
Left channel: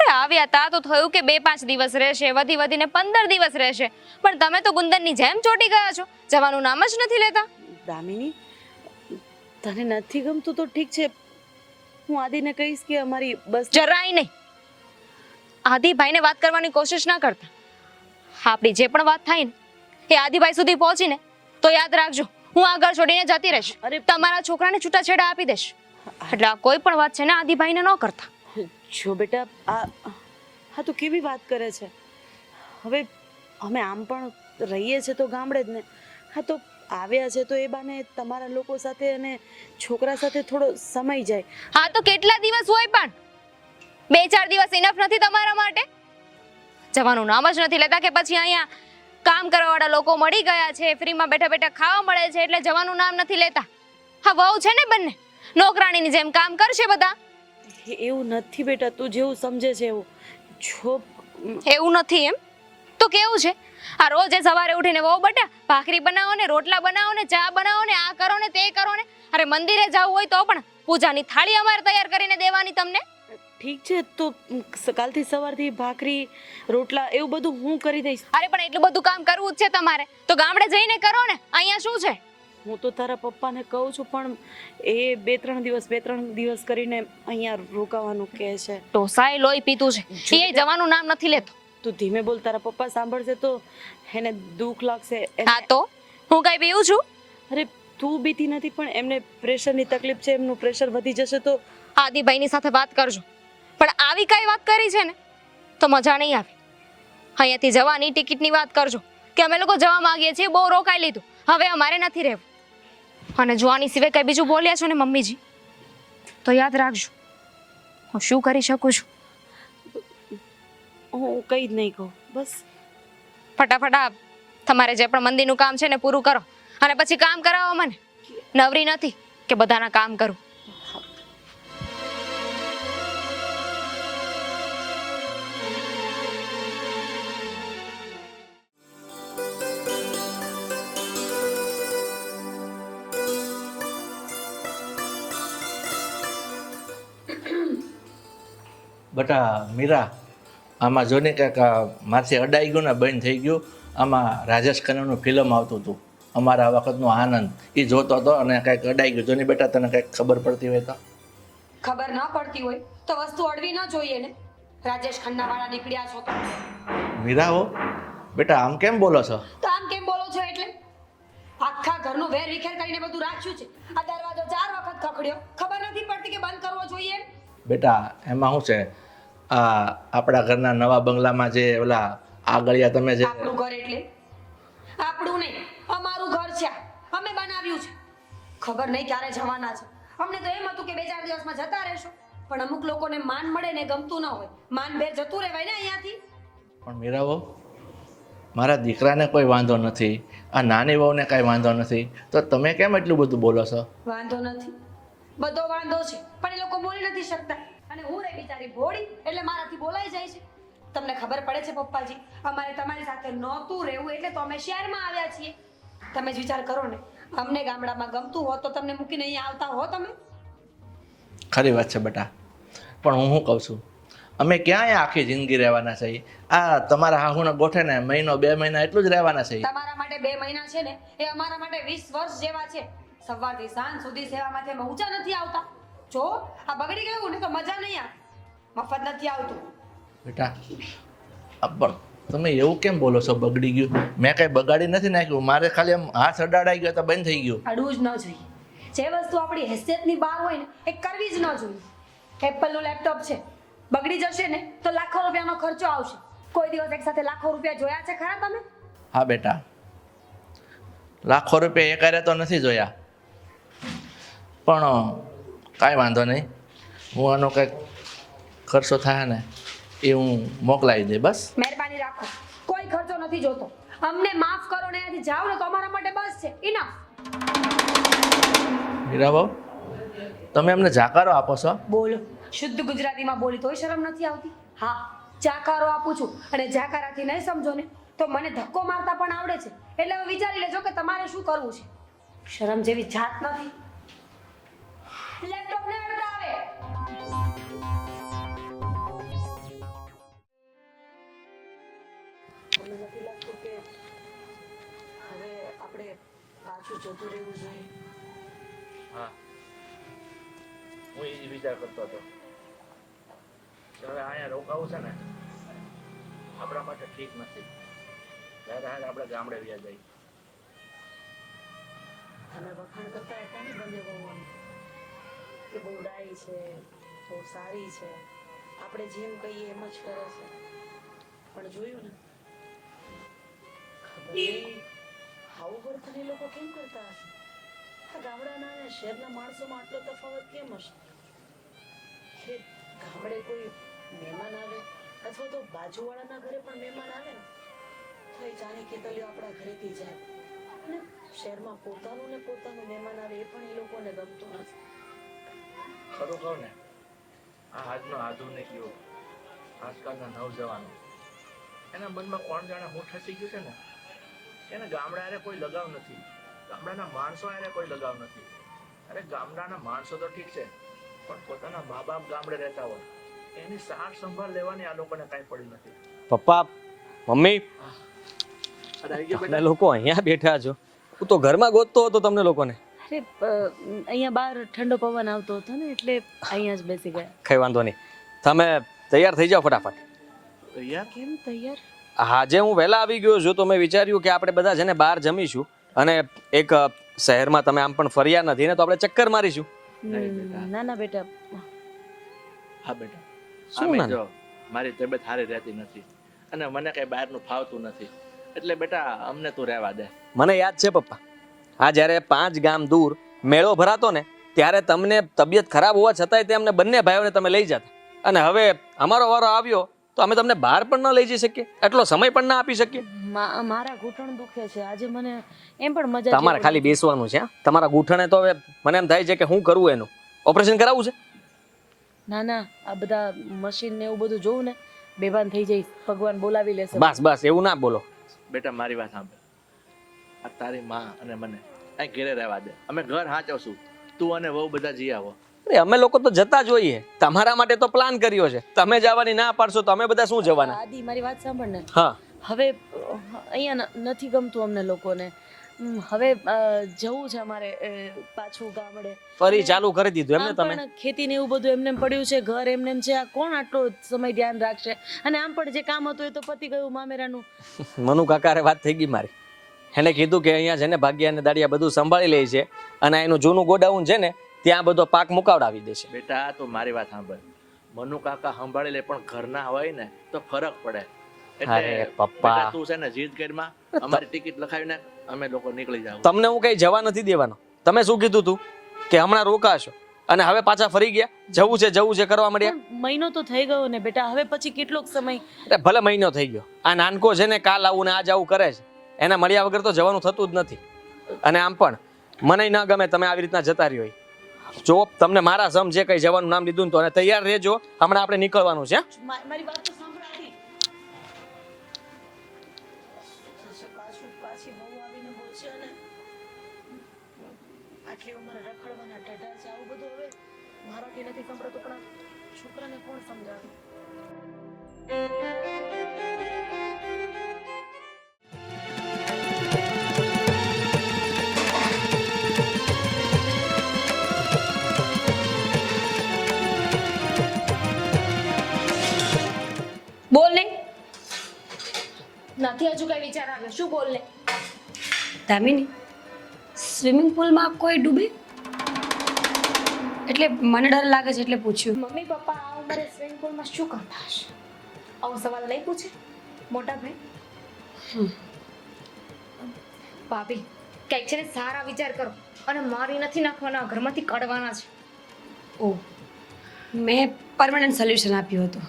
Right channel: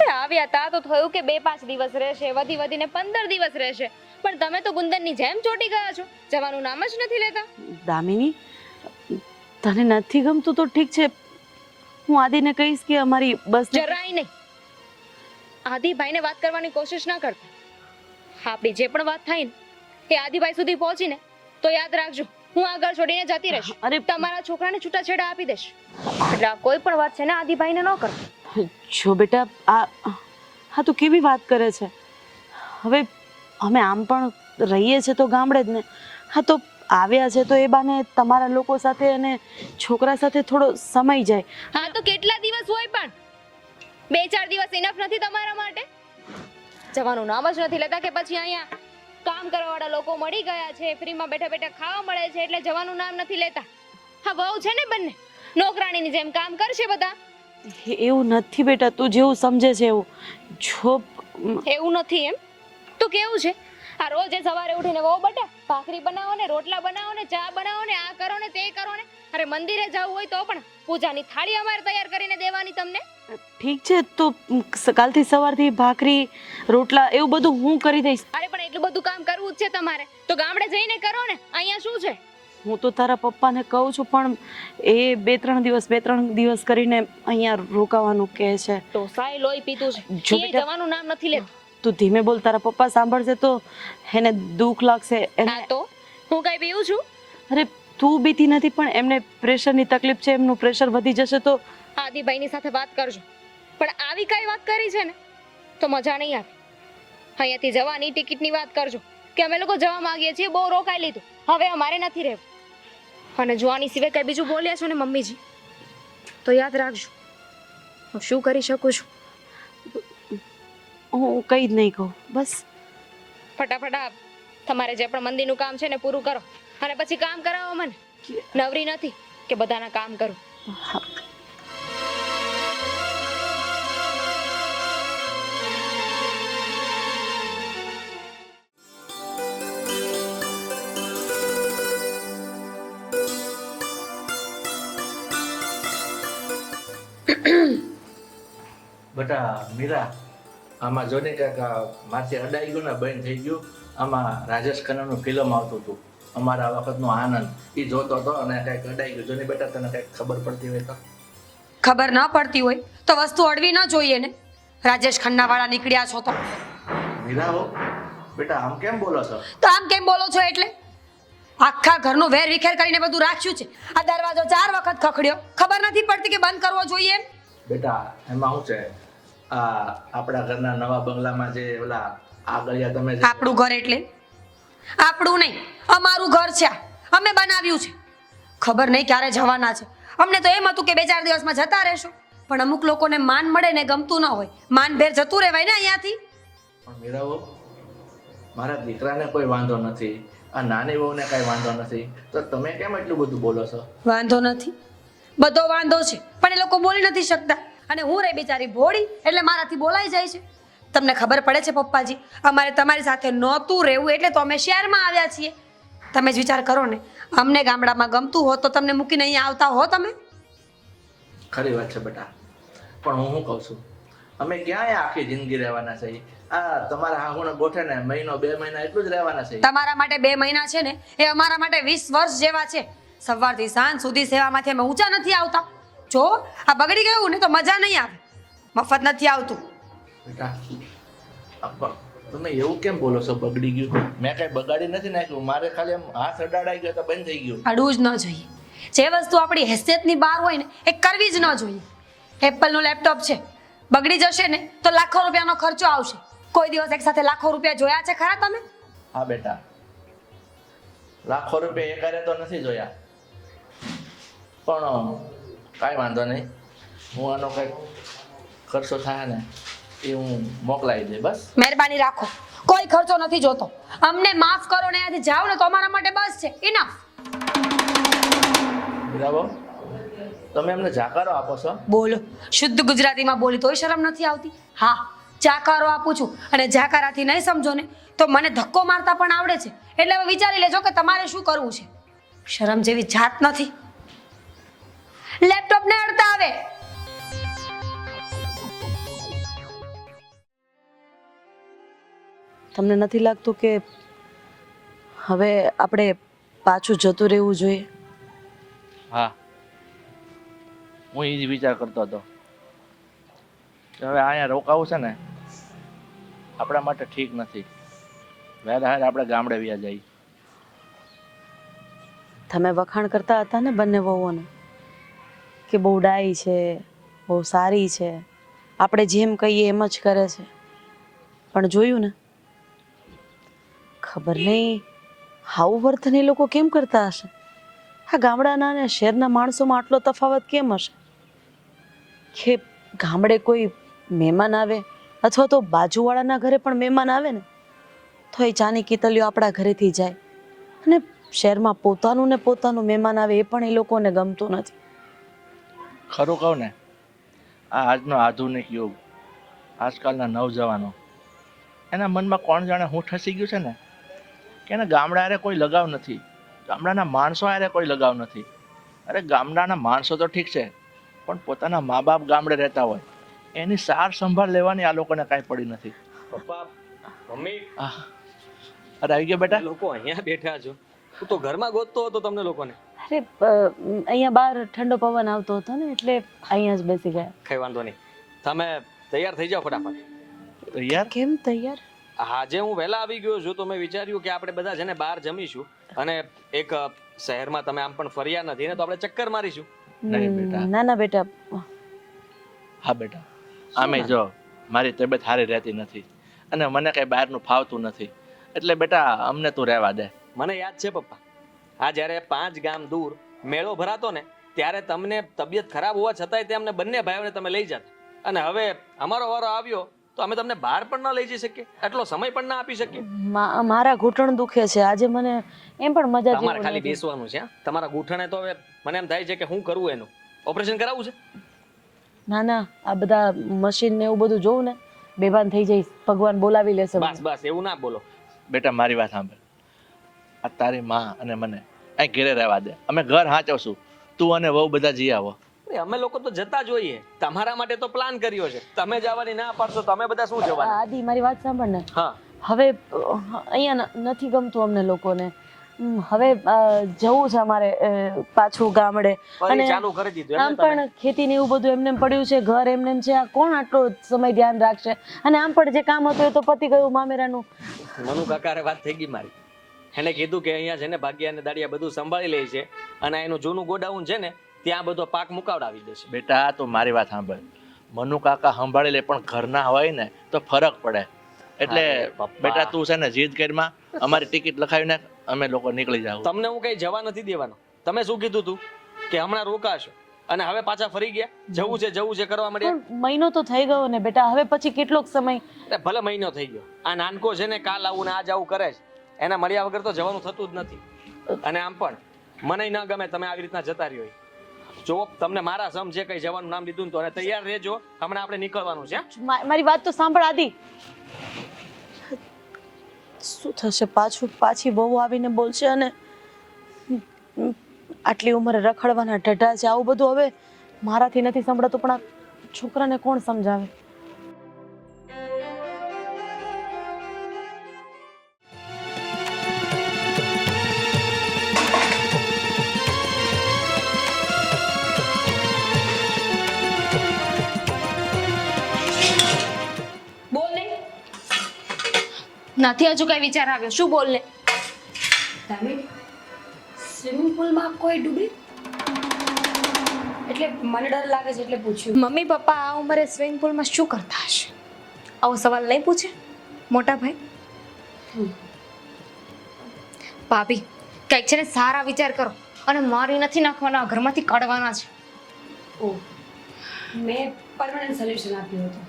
અરે આવ્યા તા તો થયું કે 2-5 દિવસ રહેશે, વધી વધીને 15 દિવસ રહેશે, પણ તમે તો ગુંદરની જેમ ચોટી ગયા છો, જવાનું નામ જ નથી લેતા. દામિની, તને નથી ગમતું તો ઠીક છે, હું આદિને કહીશ કે અમારી બસ જરાય નહીં. આદિભાઈને વાત કરવાની કોશિશ ના કરતા. આપણી જે પણ વાત થાય ને એ આદિભાઈ સુધી પહોંચીને તો યાદ રાખજો, હું આ ઘર છોડીને જતી રહીશ. અરે તમારા છોકરાને છૂટાછેડા આપી દેશ. એટલે આ કોઈ પણ વાત છે ને આદિભાઈને ન કરતા. જો બેટા, આ તો કેવી વાત કરે છે? હવે અમે આમ પણ રહીએ છીએ તો ગામડે જ ને. હા તો આવ્યા છે તો એ બાને તમારા લોકો સાથે અને છોકરા સાથે થોડો સમય જાય. હા તો કેટલા દિવસ હોય પણ 2-4 દિવસ ઇનફ નથી તમારા માટે? જવાનું નામ જ નથી લેતા કે પછી અહીંયા કામ કરવાવાળા લોકો મળી ગયા છે, ફ્રીમાં બેઠા બેઠા ખાવા મળે છે એટલે જવાનું નામ નથી લેતા. હા વહુ છે ને બંને, નોકરાણીની જેમ કામ કરશે બધા. એવું નથી બેટા, તું જેવું સમજે છે એવું. જો એવું નથી એમ તો કેવું છે? આ રોજ સવારે ઉઠીને વહુ બટા ભાખરી બનાવો ને, રોટલા બનાવો ને, ચા બનાવો ને, આ કરો ને તે કરો ને. અરે મંદિરે જવું હોય તો પણ પૂજાની થાળી અમારે તૈયાર કરીને દેવાની તમને. ઠીક છે, તો કાલથી સવારથી ભાખરી રોટલા એવું બધું હું કરી દઈશ. અરે પણ એટલું બધું કામ કરવું જ છે તમારે તો ગામડે જઈને કરો ને, અહીંયા શું છે? હું તો તારા પપ્પાને કહું છું પણ એ 2-3 દિવસ કરીને અહીંયા રોકાવાનું કહે છે. ઢોસાએ લોહી પીતું છે, જો એ જવાનું નામ નથી લેતો. તું ધીમે બોલ, તારા પપ્પા સાંભળશે તો એને દુઃખ લાગશે. હા તો હું કઈ પીવું છું? અરે તું બીતી નથી પણ એમને પ્રેશરની તકલીફ છે, એમનું પ્રેશર વધી જશે તો. આદિભાઈની સાથે વાત કરજો, પણ આવી કઈ વાત કરી છે ને તો મજા નહીં આવે. અહીંયાથી જવાની ટિકિટની વાત કરજો કે અમે લોકો જવા માંગીએ છીએ, બહુ રોકાઈ લીધું, હવે અમારે નથી રહેવું. અને જો આની સિવાય કઈ બીજું બોલ્યા છો ને મમ્મીજી તો યાદ રાખજો હું શું કરી શકું છું. હું કંઈ જ નહીં કહું, બસ. ફટાફટ તમારે જે પણ મંદિરનું કામ છે ને પૂરું કરો અને પછી કામ કરાવો મને. નવરી નથી કે બધાના કામ કરું. બટા મીરા, આમાં જો ને કંઈક માથે અડાઈ ગયું ને બંધ થઈ ગયું. આમાં રાજેશ ખન્નાનું ફિલ્મ આવતું હતું, અમારા વખતનો આનંદ, એ જોતો હતો અને કંઈક અડાઈ ગયું. જો ને બેટા તને કંઈક ખબર પડતી હોય તો? ખબર ન પડતી હોય તો વસ્તુ અડવી ન જોઈએ ને. રાજેશ ખન્ના વાળા નીકળ્યા છો તો મીરા હો બેટા, આમ કેમ બોલો છો? તો આમ કેમ બોલો છો એટલે આખા ઘરનું વેર વિખેર કરીને બધું રાખ્યું છે. આ દરવાજો 4 વખત ખખડ્યો, ખબર નથી પડતી કે બંધ કરવો જોઈએ એમ. બેટા એમાં શું છે, આ આપણા ઘરના નવા બંગલામાં જે ઓલા આગળિયા તમે જે આપણું ઘર એટલે આપણું નહીં, અમારું ઘર છે આ. અમે બનાવ્યું છે. ખબર નહીં ક્યારે જવાના છે. અમને તો એમ હતું કે 2-4 દિવસમાં જતા રહેશું, પણ અમુક લોકોને માન મળે ને ગમતું ન હોય, માન ભેર જતું રહેવાય ને અહીંયાથી. પણ મીરાઓ, મારા દીકરાને કોઈ વાંધો નથી, આ નાની વહુને કાંઈ વાંધો નથી, તો તમે કેમ એટલું બધું બોલો છો? વાંધો નથી, બધો વાંધો છે, પણ એ લોકો બોલી નથી શકતા. અને હું રે બિચારી ભોળી એટલે મારાથી બોલાઈ જાય છે. તમને ખબર પડે છે પપ્પાજી, અમારે તમારી સાથે નહોતું રહેવું એટલે તો અમે શહેરમાં આવ્યા છીએ. તમે જ વિચાર કરો ને, અમને ગામડામાં ગમતું હોત તો તમને મૂકીને અહીંયા આવતા હો તમે? ખરી વાત છે બેટા, પણ હું શું કહું છું, અમે ક્યાંય આખી જિંદગી રહેવાના છે? આ તમારા હાહુને ગોઠે ને 1-2 મહિના એટલું જ રહેવાના છે. તમારા માટે 2 મહિના છે ને એ અમારા માટે 20 વર્ષ જેવા છે. સવારથી સાંજ સુધી સેવામાંથી અમે ઊંચા નથી આવતા. જો આ બગડી ગયું ને તો મજા નહીં આવે, મફત નથી આવતું. બેટા પણ તમે એવું કેમ બોલો છો? બગડી ગયું? મેં કાંઈ બગાડી નથી નાખ્યું, મારે ખાલી આમ હાથ અડાડાઈ ગયો તો બંધ થઈ ગયું. અડવું જ ન જોઈએ. જે વસ્તુ આપણી હેસિયતની બહાર હોય ને એ કરવી જ ન જોઈએ. એપલનું લેપટોપ છે, બગડી જશે ને તો લાખો રૂપિયાનો ખર્ચો આવશે. કોઈ દિવસ એક સાથે લાખો રૂપિયા જોયા છે ખરા તમે? હા બેટા, લાખો રૂપિયા એકારે તો નથી જોયા, પણ કાંઈ વાંધો નહીં, હું આનો કંઈક ખર્ચો થાય ને એ હું મોકલાવી દઈ બસ. મહેરબાની રાખો, કોઈ ખર્ચો નથી જોતો. અમને માફ કરો ને અહીંયાથી જાઓ ને તો અમારા માટે બસ છે. ઇનફ. હીરાબાઉ, તમે અમને જાકારો આપો છો? બોલો, શુદ્ધ ગુજરાતીમાં બોલી તોય શરમ નથી આવતી? હા, જાકારો આપું છું, અને જાકારાથી નહીં સમજો ને તો મને ધક્કો મારતા પણ આવડે છે. એટલે હવે વિચારી લેજો કે તમારે શું કરવું છે. શરમ જેવી જાત નથી. લેપટોપ ને અડતા આવે. તમને નથી લાગતું કે હવે આપણે પાછું જતું રહેવું જોઈએ? હા, હું એ જ વિચાર કરતો હતો કે હવે અહીંયા રોકાવું છે ને આપણા માટે ઠીક નથી. વહેલા આપણે ગામડે વ્યા જઈએ. તમે વખાણ કરતા હતા ને બંને વહુઓને કે બહુ ડાઈ છે, બહુ સારી છે, આપણે જેમ કહીએ એમ જ કરે છે. પણ જોયું ને, ખબર નહીં આવું વર્તન એ લોકો કેમ કરતા હશે? આ ગામડાના અને શહેરના માણસોમાં આટલો તફાવત કેમ હશે કે ગામડે કોઈ મહેમાન આવે અથવા તો બાજુવાળાના ઘરે પણ મહેમાન આવે ને તો એ ચાની કીતલીઓ આપણા ઘરેથી જાય, અને શહેરમાં પોતાનું ને પોતાનું મહેમાન આવે એ પણ એ લોકોને ગમતું નથી. ખરું કહું ને, આ આજનો આધુનિક યુગ, આજકાલના નવજવાનો, એના મનમાં કોણ જાણે હું ઠસી ગયું છે ને કે એને ગામડા હારે કોઈ લગાવ નથી, ગામડાના માણસો હારે કોઈ લગાવ નથી. અરે ગામડાના માણસો તો ઠીક છે, પણ પોતાના મા બાપ ગામડે રહેતા હોય એની સાર સંભાળ લેવાની આ લોકોને કાંઈ પડી નથી. પપ્પા, મમ્મી, અરે આવી ગયો બેટા. તમે લોકો અહીંયા બેઠા છો, હું તો ઘરમાં ગોતતો હતો તમને લોકોને. અરે અહીંયા બહાર ઠંડો પવન આવતો હતો ને એટલે અહીંયા જ બેસી ગયા. કઈ વાંધો નહીં, તમે તૈયાર થઈ જાઓ ફટાફટ. યાર કેમ તૈયાર? આજે હું વહેલા આવી ગયો છું તો મેં વિચાર્યું કે આપણે બધા છે ને બહાર જમીશું, અને એક શહેરમાં તમે આમ પણ ફર્યા નથી ને તો આપણે ચક્કર મારીશું. નહીં બેટા. ના ના બેટા. હા બેટા, આમે જો મારી તબિયત સારી રહેતી નથી અને મને કઈ બહારનું ફાવતું નથી, એટલે બેટા અમને તું રહેવા દે. મને યાદ છે પપ્પા, આ જ્યારે 5 ગામ દૂર મેળો ભરાતો ને ત્યારે તમને તબિયત ખરાબ હોવા છતાંય તે અમને બંને ભાઈઓને તમે લઈ જતા, અને હવે અમારો વારો આવ્યો તો અમે તમને બહાર પણ ન લઈ જઈ શકીએ, એટલો સમય પણ ના આપી શકીએ. મારા ઘૂંટણ દુખે છે આજે, મને એમ પણ મજા તમારે ખાલી બેસવાનું છે. તમારા ઘૂંટણે તો હવે મને એમ થાય છે કે હું કરવું, એનું ઓપરેશન કરાવવું છે. ના ના, આ બધા મશીન ને એવું બધું જોઉં ને બેભાન થઈ જઈશ, ભગવાન બોલાવી લેશે. બસ બસ એવું ના બોલો બેટા, મારી વાત સાંભળ. આ તારી માં અને મને અહીં ઘેરે રહેવા દે, અમે ઘર હાચવશું, તું અને વહુ બધા જઈ આવો. અરે અમે લોકો તો જતા જ હોઈએ, તમારા માટે તો પ્લાન કર્યો છે, તમે જવાની ના પાડશો તો અમે બધા શું જવાના? આદિ મારી વાત સાંભળ ને. હા, હવે અહીંયા નથી ગમતું અમને લોકોને. હવે જવું છે અમારે પાછું ગામડે. ફરી ચાલુ કરી દીધું એમને આમ તમે? પણ ખેતી ને એવું બધું એમને પડ્યું છે, ઘર એમને છે, આ કોણ આટલો સમય ધ્યાન રાખશે? અને આમ પણ જે કામ હતું એ તો પતી ગયું મામેરાનું. મનુ કાકારે વાત થઈ ગઈ મારી, એને કીધું કે અહીંયા છે ને ભાગ્યા અને દાડિયા બધું સંભાળી લે છે, અને એનું જૂનું ગોડાઉન છે ને ત્યાં બધો પાક મુકાવડાવી દેશે. બેટા તો મારી વાત સાંભળ, મનુ કાકા સંભાળી લે પણ ઘરના હોય ને તો ફરક પડે. એટલે અરે પપ્પા. બેટા તું છે ને જીદ કરીમાં અમારી ટિકિટ લખાવી નાખ, અમે લોકો નીકળી જાવ. તમને હું કઈ જવા નથી દેવાનો. તમે શું કીધું તું કે હમણાં રોકાશો અને હવે પાછા ફરી ગયા? જવું છે કરવા મળ્યા. પણ મહિનો તો થઈ ગયો ને બેટા, હવે પછી કેટલોક સમય. અરે ભલે મહિનો થઈ ગયો, આ નાનકો છે ને કાલ આવું ને આજ આવું કરે છે, એને મળ્યા વગર તો જવાનું થતું જ નથી. અને આમ પણ મને ન ગમે તમે આવી રીતના જતા રહ્યો. જો તમને મારા સમ જે કઈ જવાનું નામ લીધું ને તો અને તૈયાર રહેજો, હમણાં આપણે નીકળવાનું છે. મારી વાત તો સાંભળ આદિ. શું થશે? પાછી બહુ આવીને બોલશે અને આટલી ઉંમરે રખડવાના ઢઢા છે, આવું બધું હવે મારાથી નથી સંભળાતું, પણ આ છોકરાને કોણ સમજાવે? બોલ ને. નથી હજુ કઈ વિચાર આવ્યો, શું બોલ ને? દામિની, સ્વિમિંગ પુલમાં કોઈ ડૂબે? એટલે મને ડર લાગે છે એટલે પૂછ્યું. મમ્મી પપ્પા આ ઉંમરે સ્વિમિંગ પુલમાં શું કરતા હશે? આવો સવાલ નહીં પૂછે. મોટા ભાઈ ભાભી કંઈક છે ને સારા વિચાર કરો અને મારી નથી નાખવાના, ઘરમાંથી કાઢવાના છે. ઓહ, મેં પરમનન્ટ સોલ્યુશન આપ્યું હતું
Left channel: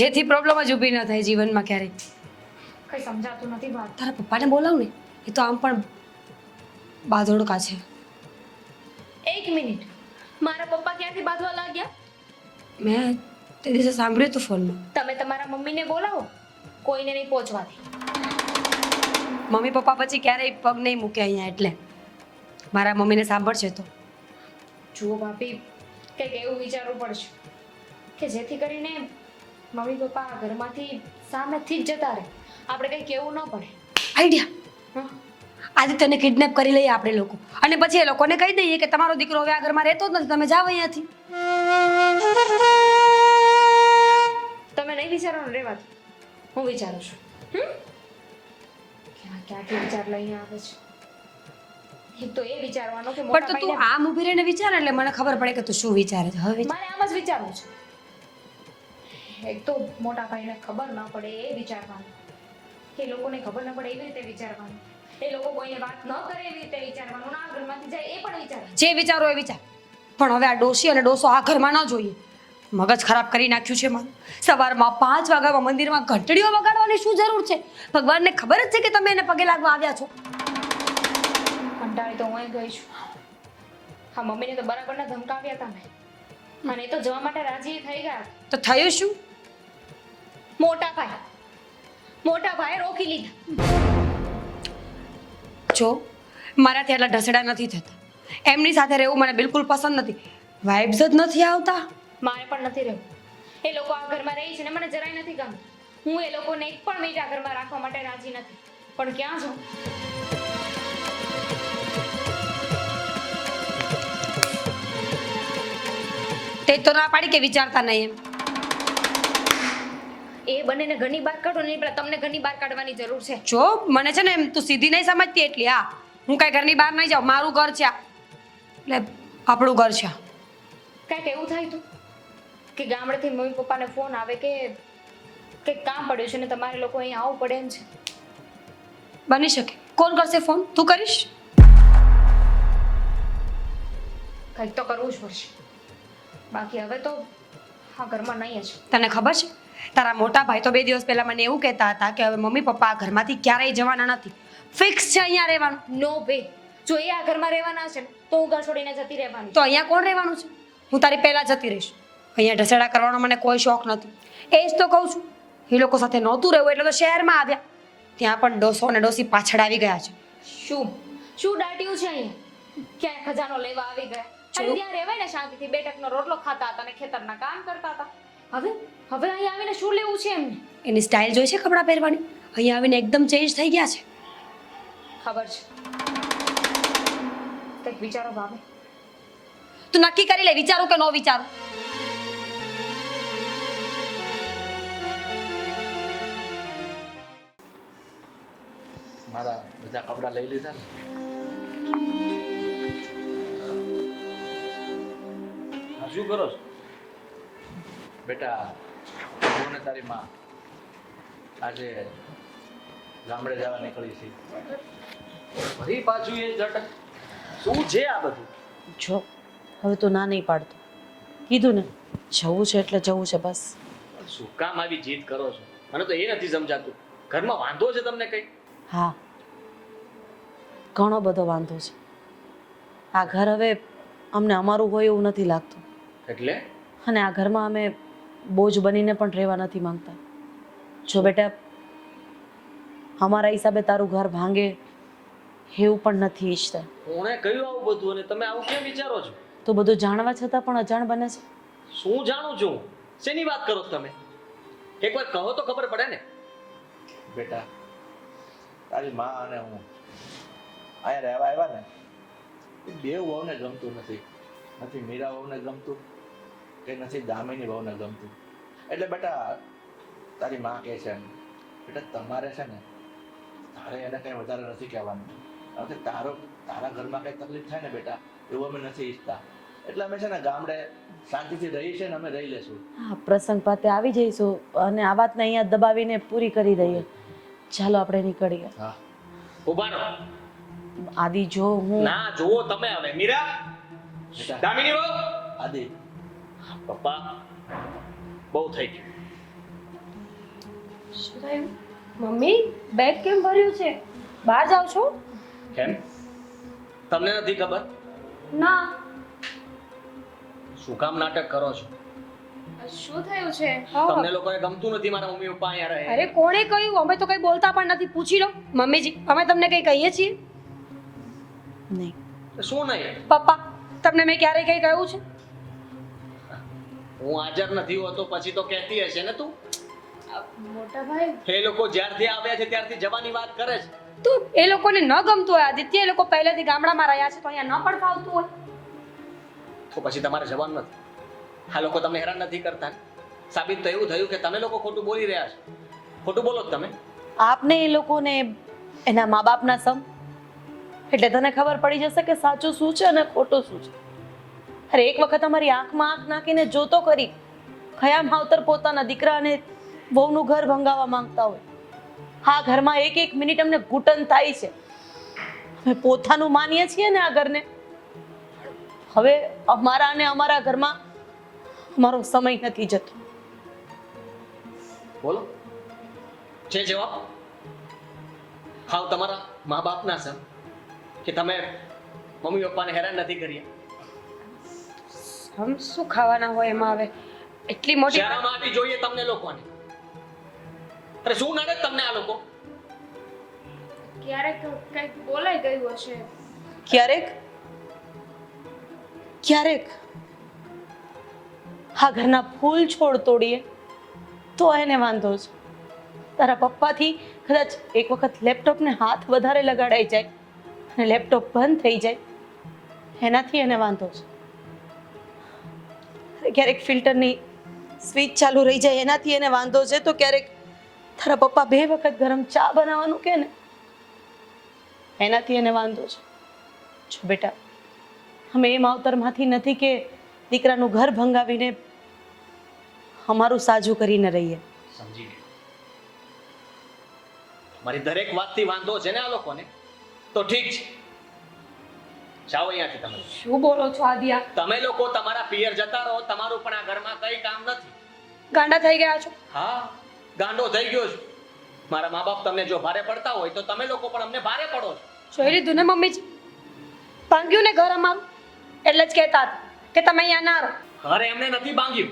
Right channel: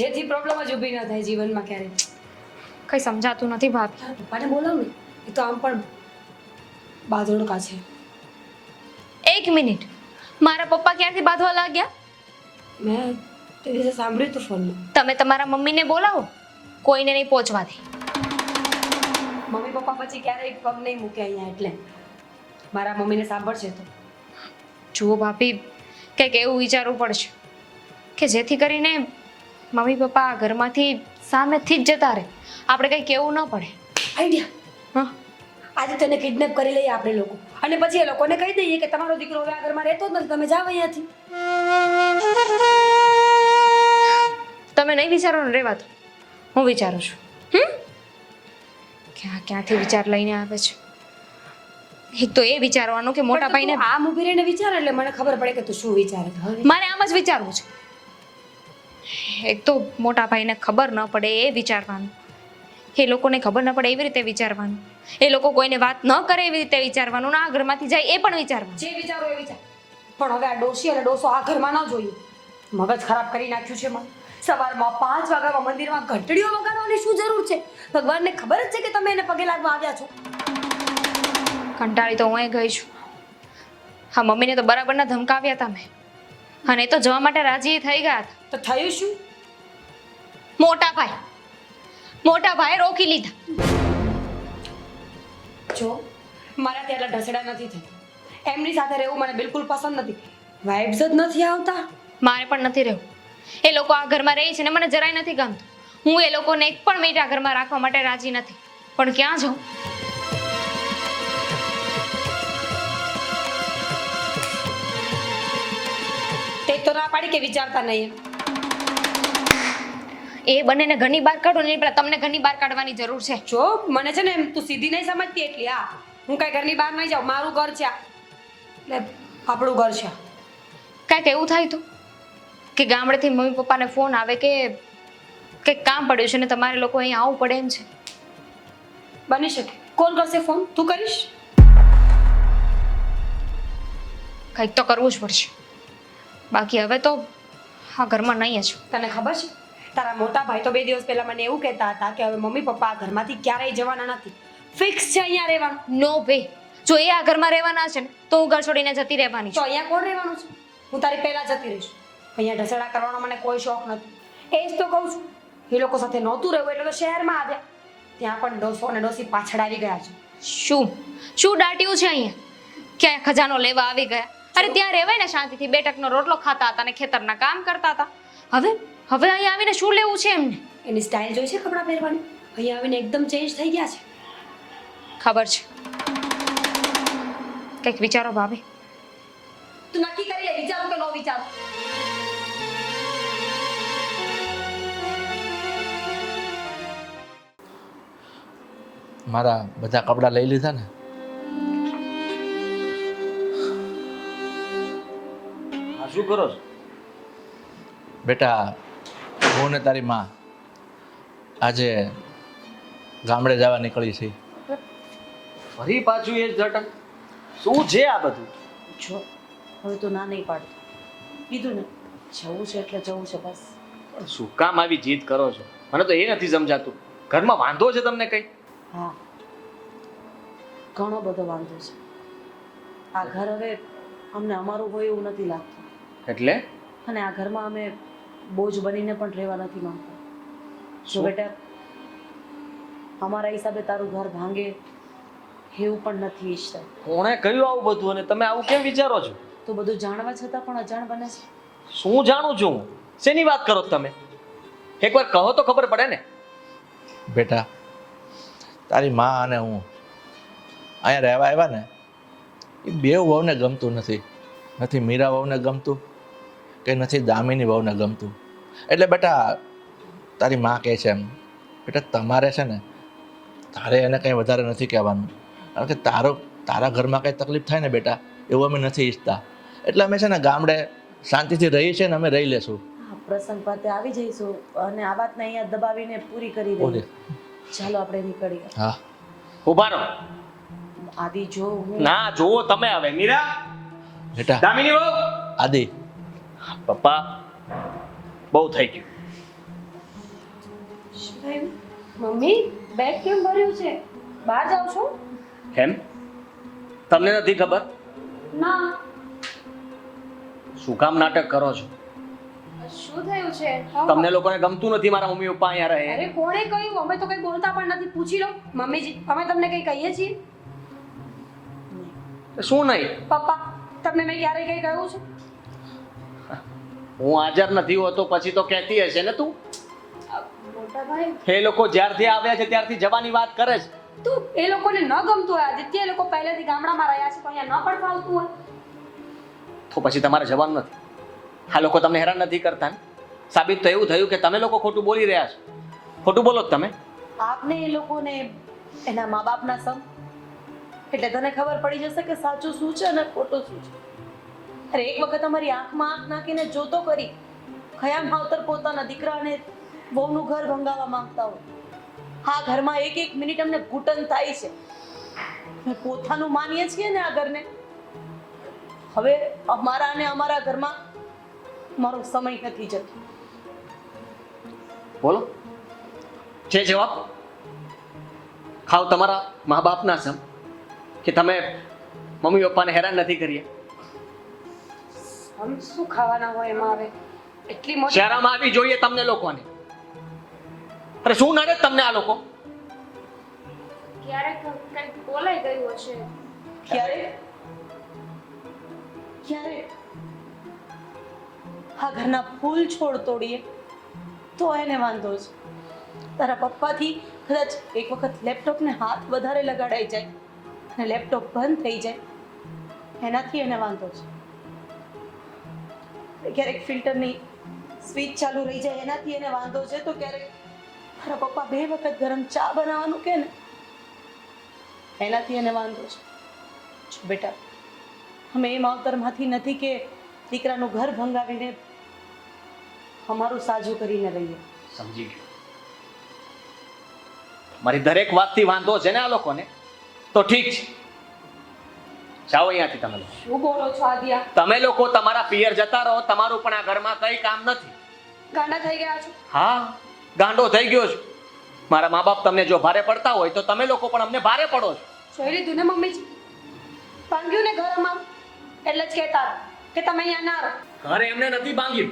જેથી પ્રોબ્લેમ જ ઊભી ન થાય જીવનમાં ક્યારેય. કંઈ સમજાતું નથી ભાભી. તારા પપ્પાને બોલાવ ને, એ તો આમ પણ બાંધોડકા છે. એક મિનિટ, મારા પપ્પા ક્યારથી બાંધવા લાગ્યા? મેં તે દિવસે સાંભળ્યું હતું ફોનમાં. તમે તમારા મમ્મીને બોલાવો, કોઈને નહીં પહોંચવા દે. મમ્મી પપ્પા પછી ક્યારેય પગ નહીં મૂકે અહીંયા, એટલે મારા મમ્મીને સાંભળશે તો. જુઓ ભાભી, કંઈક એવું વિચારવું પડશે કે જેથી કરીને મમ્મી પપ્પા આ ઘરમાંથી સામેથી જ જતા રહે, આપણે કંઈ કહેવું ન પડે. આઈડિયા. હા, આજે તને કિડનેપ કરી લઈએ આપણે લોકો, અને પછી એ લોકોને કહી દઈએ કે તમારો દીકરો હવે આ ઘરમાં રહેતો જ નથી, તમે જાઓ અહીંયાથી. તમે નહીં વિચારો ને, રહેવા દો, હું વિચારું છું. ક્યાંથી વિચાર લઈને આવે છે. એક તો એ વિચારવાનું કે મોટા ભાઈને આ ઊભી રહીને વિચાર, એટલે મને ખબર પડે કે તું શું વિચારે છે. હવે મારે આમ જ વિચારવું છે. એક તો મોટા ભાઈને ખબર ન પડે એ વિચારવાનું, એ લોકોને ખબર ન પડે એવી રીતે વિચારવાનું, એ લોકો કોઈને વાત ન કરે એવી રીતે વિચારવાનું, ના આ ઘરમાંથી જાય એ પણ વિચારવાનું. જે વિચારો એ વિચાર, પણ હવે આ ડોશી અને ડોસો આ ઘરમાં ન જોઈએ. મગજ ખરાબ કરી નાખ્યું છે મારું. સવારમાં 5 વાગ્યામાં મંદિરમાં ઘંટડીઓ વગાડવાની શું જરૂર છે? ભગવાનને ખબર જ છે કે તમે એને પગે લાગવા આવ્યા છો. કંટાળી તો હું ગઈ છું. હા, મમ્મીને તો બરાબરના ધમકાવ્યા હતા મેં, અને એ તો જવા માટે રાજી થઈ ગયા હતા. તો થયું શું? મોટા ભાઈ રોકી લીધા. જો મારાથી આટલા ઢસડા નથી થતા, એમની સાથે રહેવું મને બિલકુલ પસંદ નથી. વાઇબ્સ જ નથી આવતા. મારે પણ નથી રહેવું. એ લોકો આ ઘરમાં રહે છે ને મને જરાય નથી ગમતું. હું એ લોકોને એક પણ મિનિટ આ ઘરમાં રાખવા માટે રાજી નથી, પણ ક્યાં જાઉં? તે તો ના પાડી કે વિચારતા નહીં. એ બંનેને ઘરની બહાર કાઢો ને, પેલા તમને ઘરની બહાર કાઢવાની જરૂર છે. જો મને છે ને એમ તું સીધી નહીં સમજતી એટલી. હા, હું કઈ ઘરની બહાર નહીં જાઉં, મારું ઘર છે આ. એટલે આપણું ઘર છે. કાંઈક એવું થાય તો કે ગામડેથી મમ્મી પપ્પાને ફોન આવે કે કંઈક કામ પડ્યું છે ને તમારે લોકો અહીં આવવું પડે એમ છે. બની શકે. કોણ કરશે ફોન? તું કરીશ? કંઈક તો કરવું જ પડશે, બાકી હવે તો આ ઘરમાં નહીં જ. તને ખબર છે, તારા મોટા ભાઈ તો 2 દિવસ પહેલા મને એવું કહેતા હતા કે હવે મમ્મી પપ્પા આ ઘરમાંથી ક્યારેય જવાના નથી, ફિક્સ છે અહીંયા રહેવાનું. નો વે. જો એ આ ઘરમાં રહેવાના છે ને તો હું ઘર છોડીને જતી રહેવાની તો છું. અહીંયા કોણ રહેવાનું છે? હું તારી પહેલા જતી રહીશ. અહીંયા ઢસેડા કરવાનો મને કોઈ શોખ નથી. એ જ તો કહું છું, એ લોકો સાથે નહોતું રહેવું એટલે તો શહેરમાં આવ્યા. ત્યાં પણ ડોસો અને ડોસી પાછળ આવી ગયા છે. શું દાટ્યું છે અહીંયા? ક્યાંય ખજાનો લેવા આવી ગયા? અરે ત્યાં રહેવાય ને શાંતિથી, 2 ટકનો રોટલો ખાતા હતા અને ખેતરના કામ કરતા હતા. હવે અહીંયા આવીને શું લેવું છે એમને? એની સ્ટાઇલ જોઈ છે કપડાં પહેરવાની? અહીંયા આવીને એકદમ ચેન્જ થઈ ગયા છે. ખબર છે. કંઈક વિચારો ભાભી. તું નક્કી કરી લે, વિચારું કે ન વિચારું. મારા બધા કપડાં લઈ લીધા ને? શું કરો છો? બેટા, હું ને તારી માં આજે ગામડે જવા નીકળી છે. ફરી પાછું એ જટક શું છે આ બધું? જો હવે તો ના નહીં પાડતો, કીધું ને જવું છે એટલે જવું છે બસ. શું કામ આવી જીદ કરો છો? મને તો એ નથી સમજાતું. ઘરમાં વાંધો છે તમને કઈ? હા, ઘણો બધો વાંધો છે. આ ઘર હવે અમને અમારું હોય એવું નથી લાગતું, એટલે અને આ ઘરમાં અમે બોજ બનીને પણ રહેવા નથી માંગતા. જો બેટા, અમારા હિસાબે તારું ઘર ભાંગે એવું પણ નથી ઈચ્છતા. કોણે કહ્યું આવું બધું અને તમે આવું કેમ વિચારો છો? તો બધું જાણવા છતાં પણ અજાણ બને છે. શું જાણું છું હું? શેની વાત કરો છો તમે? એકવાર કહો તો ખબર પડે ને. બેટા, તારી માં અને હું અહીંયા રહેવા આવ્યા ને, એ 2 વહુને ગમતું નથી. નથી મીરા વહુને ગમતું કે નથી દામિની વહુને ગમતું. એટલે બેટા તારી માં કહે છે એમ, બેટા તમારે છે ને, તારે એને કંઈ વધારે નથી કહેવાનું, કારણ કે તારા ઘરમાં કંઈ તકલીફ થાય ને બેટા, એવું અમે નથી ઈચ્છતા. એટલે અમે છે ને ગામડે શાંતિથી રહી છે ને અમે રહી લેશું. હા પ્રસંગ પાતે આવી જઈશું અને આ વાતને અહીંયા દબાવીને પૂરી કરી દઈએ. ચાલો આપણે નીકળીએ. હા ઉભા રહો. આદિ જો હું ના જોવો તમે હવે મીરા બેટા દામિની બહુ આદિ પપ્પા બહુ થઈ ગયું. શું થયું? મમ્મી બેગ કેમ ભર્યું છે? બહાર જાવ છો? કેમ તમને નથી ખબર ના. શું કામ નાટક કરો છો? શું થયું છે? તમને લોકોને ગમતું નથી મારા મમ્મી પપ્પા અહીંયા રહે? અરે કોણે કહ્યું? અમે તો કઈ બોલતા પણ નથી. પૂછી લો મમ્મીજી, અમે તમને કઈ કહીએ છીએ? નહીં. શું નહીં? પપ્પા તમને મેં ક્યારે કઈ કહ્યું છે? હું હાજર નથી હોતો પછી તો કહેતી હશે ને તું. મોટા ભાઈ એ લોકો જ્યારથી આવ્યા છે ત્યારથી જવાની વાત કરે છે. તો એ લોકોને ન ગમતું હોય આદિત્ય, એ લોકો પહેલેથી ગામડામાં રહ્યા છે તો અહીંયા ન પણ ફાવતું હોય. તો પછી તમારે જવાનું નથી. આ લોકો તમને હેરાન નથી કરતા ને? સાબિત તો એવું થયું કે તમે લોકો ખોટું બોલી રહ્યા છો. ખોટું બોલો જ તમે. આપને એ લોકોને એના મા બાપના સમ એટલે તને ખબર પડી જશે કે સાચું શું છે અને ખોટું શું છે. અરે એક વખત અમારી આંખમાં આંખ નાખીને જોતો કરી કયા માવતર પોતાના દીકરા અને વહુનું ઘર ભંગાવવા માંગતા હોય. આ ઘરમાં એક એક મિનિટ અમને ઘૂંટણ થાય છે. અમે પોતાનું માનીએ છીએ ને આ ઘરને. હવે અમારા અને અમારા ઘરમાં અમારો સમય નથી જતો. બોલો છે જવાબ. ખાવ તમારા મા બાપના સમ કે તમે મમ્મી પપ્પાને હેરાન નથી કર્યા. હમ શું ખાવાના હોય એમાં? હવે એટલી મોટી શહેરમાં આવી જોઈએ તમને લોકોને. અરે શું નડે તમને આ લોકો? ક્યારેક કંઈક બોલાઈ ગયું હશે. ક્યારેક ક્યારેક આ ઘરના ફૂલ છોડ તોડીએ તો એને વાંધો છે. તારા પપ્પાથી કદાચ એક વખત લેપટોપને હાથ વધારે લગાડાઈ જાય અને લેપટોપ બંધ થઈ જાય એનાથી એને વાંધો છે. ક્યારેક ફિલ્ટરની સ્વિચ ચાલુ રહી જાય એનાથી એને વાંધો છે. તો ક્યારેક તારા પપ્પા 2 વખત ગરમ ચા બનાવવાનું કે ને એનાથી એને વાંધો છે. જો બેટા અમે એ માવતરમાંથી નથી કે દીકરાનું ઘર ભંગાવીને અમારું સાજું કરીને રહીએ. સમજી ગયો. મારી દરેક વાતથી વાંધો છે ને આ લોકોને તો ઠીક છે. જાઓ અહીંયાથી તમે લોકો. શું બોલો છો આદિયા? તમે લોકો તમારા પિયર જતા રહો. તમારું પણ આ ઘરમાં કઈ કામ નથી. ગાંડા થઈ ગયા છો? હા ગાંડો થઈ ગયો છું. મારા મા બાપ તમને જો ભારે પડતા હોય તો તમે લોકો પણ અમને ભારે પડો છો. જોઈ લીધું ને મમ્મીજી, ભાંગ્યું ને ઘર અમારું. એટલે જ કહેતા હતા કે તમે અહીંયા ના રહો. ઘર એમને નથી ભાંગ્યું,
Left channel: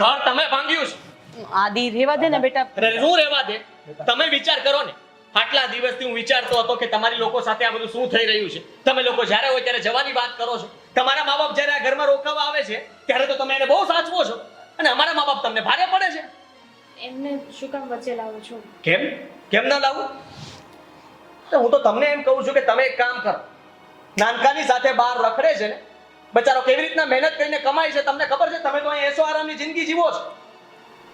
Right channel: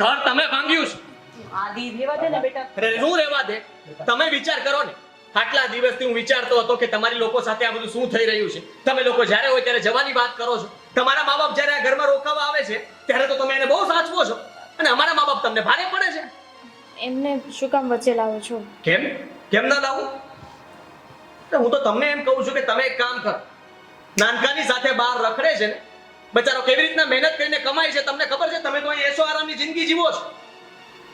ઘર તમે ભાંગ્યું છે. આદિ રહેવા દે ને બેટા. અરે શું રહેવા દે? તમે વિચાર કરો ને. આટલા દિવસથી હું વિચારતો હતો કે તમારી લોકો સાથે આ બધું શું થઈ રહ્યું છે. તમે લોકો જ્યારે હોય ત્યારે જવાની વાત કરો છો. તમારા મા બાપ જ્યારે આ ઘરમાં રોકાવા આવે છે ત્યારે તો તમે એને બહુ સાચવો છો અને અમારા મા બાપ તમને ભારે પડે છે. એમને શું કામ વચ્ચે લાવો છો? કેમ કેમ ના લાવું? હું તો તમને એમ કહું છું કે તમે એક કામ કરો. નાનકાની સાથે બહાર રખડે છે ને બચારો કેવી રીતના મહેનત કરીને કમાય છે તમને ખબર છે? તમે તો અહીં એસો આરામની જિંદગી જીવો છો.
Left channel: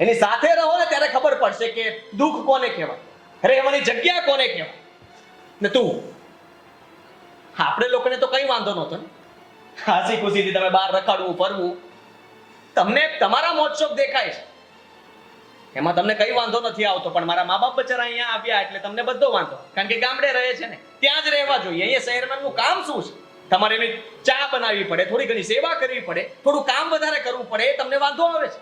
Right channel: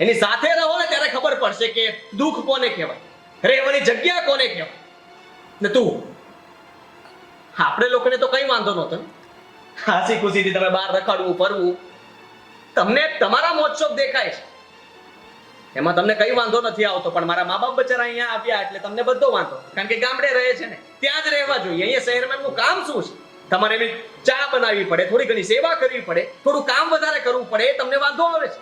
એની સાથે રહો ને ત્યારે ખબર પડશે કે દુઃખ કોને કહેવાય, રહેવાની જગ્યા કોને કહેવાય. ને તું આપણે લોકોને તો કઈ વાંધો નહોતો. હાસી ખુશીથી તમે બહાર રખડવું ફરવું તમને તમારા મોજશોખ દેખાય છે એમાં તમને કઈ વાંધો નથી આવતો. પણ મારા મા બાપ બચારા અહીંયા આવ્યા એટલે તમને બધો વાંધો. કારણ કે ગામડે રહે છે ને ત્યાં જ રહેવા જોઈએ. અહીંયા શહેરમાં એમનું કામ શું છે? તમારે એવી ચા બનાવવી પડે, થોડી ઘણી સેવા કરવી પડે, થોડું કામ વધારે કરવું પડે. એ તમને વાંધો આવે છે.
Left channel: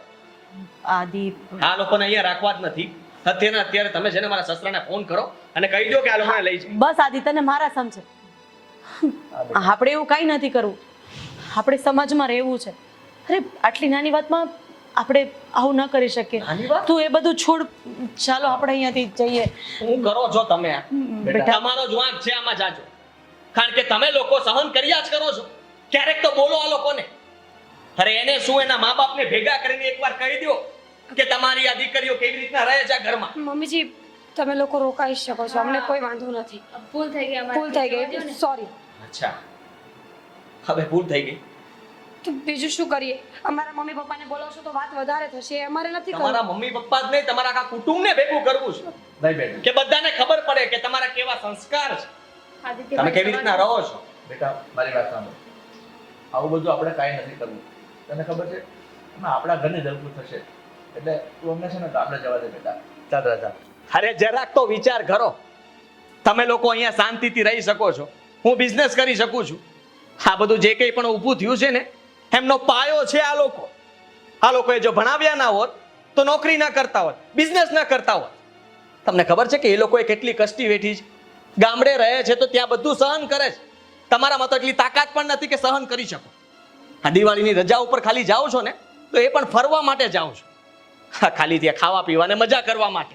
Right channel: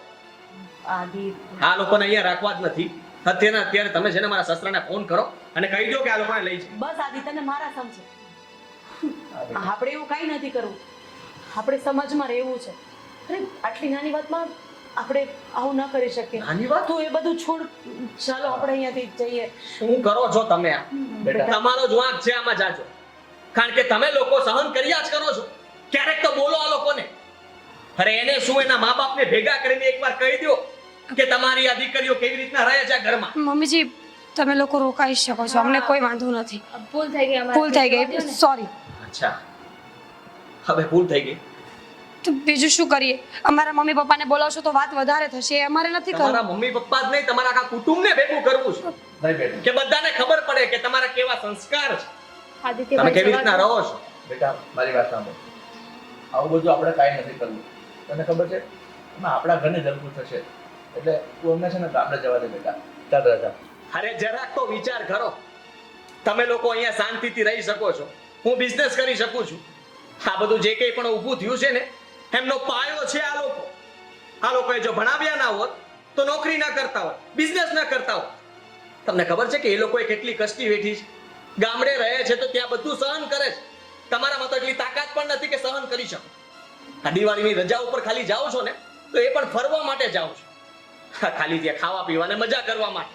આદિ આ લોકોને અહીંયા રાખવા જ નથી. અત્યારે તમે છે ને મારા સસરાને ફોન કરો અને કહી દો કે આ લોકોને લઈ જાય. બસ આદિ તને મારા સમજે. આપણે એવું કઈ નથી કરવું. આપણે સમાજમાં રહેવું છે. અરે આટલી નાની વાતમાં આપણે આવું ન કરી શકીએ. નાની વાત? તું એ બધું છોડ. ચાલો આપણે અહીંયાથી જઈએ. શું કરો છો તમે? આ તમારો જ વાંક છે આમાં. જાજો. કારણ કે તમે લોકો સહન કર્યા જ કરો છો. ક્યારેક તો બોલો આ લોકોને. અરે એને શું એના મા બાપને ભેગા કરીને એકવાર કહી દો કે તમારી આ દીકરીઓ કેવી રીતના રહે છે ઘરમાં. મમ્મીજી તમે લોકો રોકાઈ શકો છો, અમને કોઈ વાંધો નથી. ભૂલ થઈ ગઈ અમારી. ભૂલ થઈ ગઈ, સોરી. અચ્છા હવે ભૂલ થઈ ગઈ. તો બીજું શું કરીએ? અમારા મમ્મી પપ્પાને બોલાવશો તો વાત વધારે થશે. એ અમારે નથી તમારા કરવું. મમ્મી પપ્પા જ નહીં તમારા આખા કુટુંબને ભેગું કરવું છે કે બધાને ખબર પડે કે તમારા કેવા સંસ્કાર છે, આદિત્ય તમે કેવી રીતના રહો છો. બેટા મારી વાત સાંભળ. આવું બધું આપણે કાંઈ નથી કરવું. તને ખબર છે એમાં આપણા ઘરની દરકું થશે. એટલે તું અમને છે ને ગામડે જવા દે બેટા. ચાલ રાજા. અરે જરાક તો વિચાર કરો. તમે લોકો અહીંયા શાંતિથી રહી શકો છો, હું બિઝનેસ કરી શકું છું. આ બધું જે કંઈ પણ ઊભું થયું છે ને એમનો પાયો છે આ લોકો. આ લોકોએ જો ભણાવ્યા ના હોત તો નોકરી ના કરતા હોત, બિઝનેસ ના કરતા હોત. તમને ખબર છે કે એ લોકોએ કેટલી કષ્ટી વેઠી છે. ગામડે રહે છે તો ત્યાં બધું સહન કરે છે. તમારામાં તો એટલી તાકાત પણ નથી કે સહન કરી શકો. આ દિવાળીની રજા ઉપર ખાલી જાઓ છો ને તો એ પણ ફરવા માટે જાઓ છો. ખાલી ત્યાં ખાવા પીવા ને મજા કરવા માટે.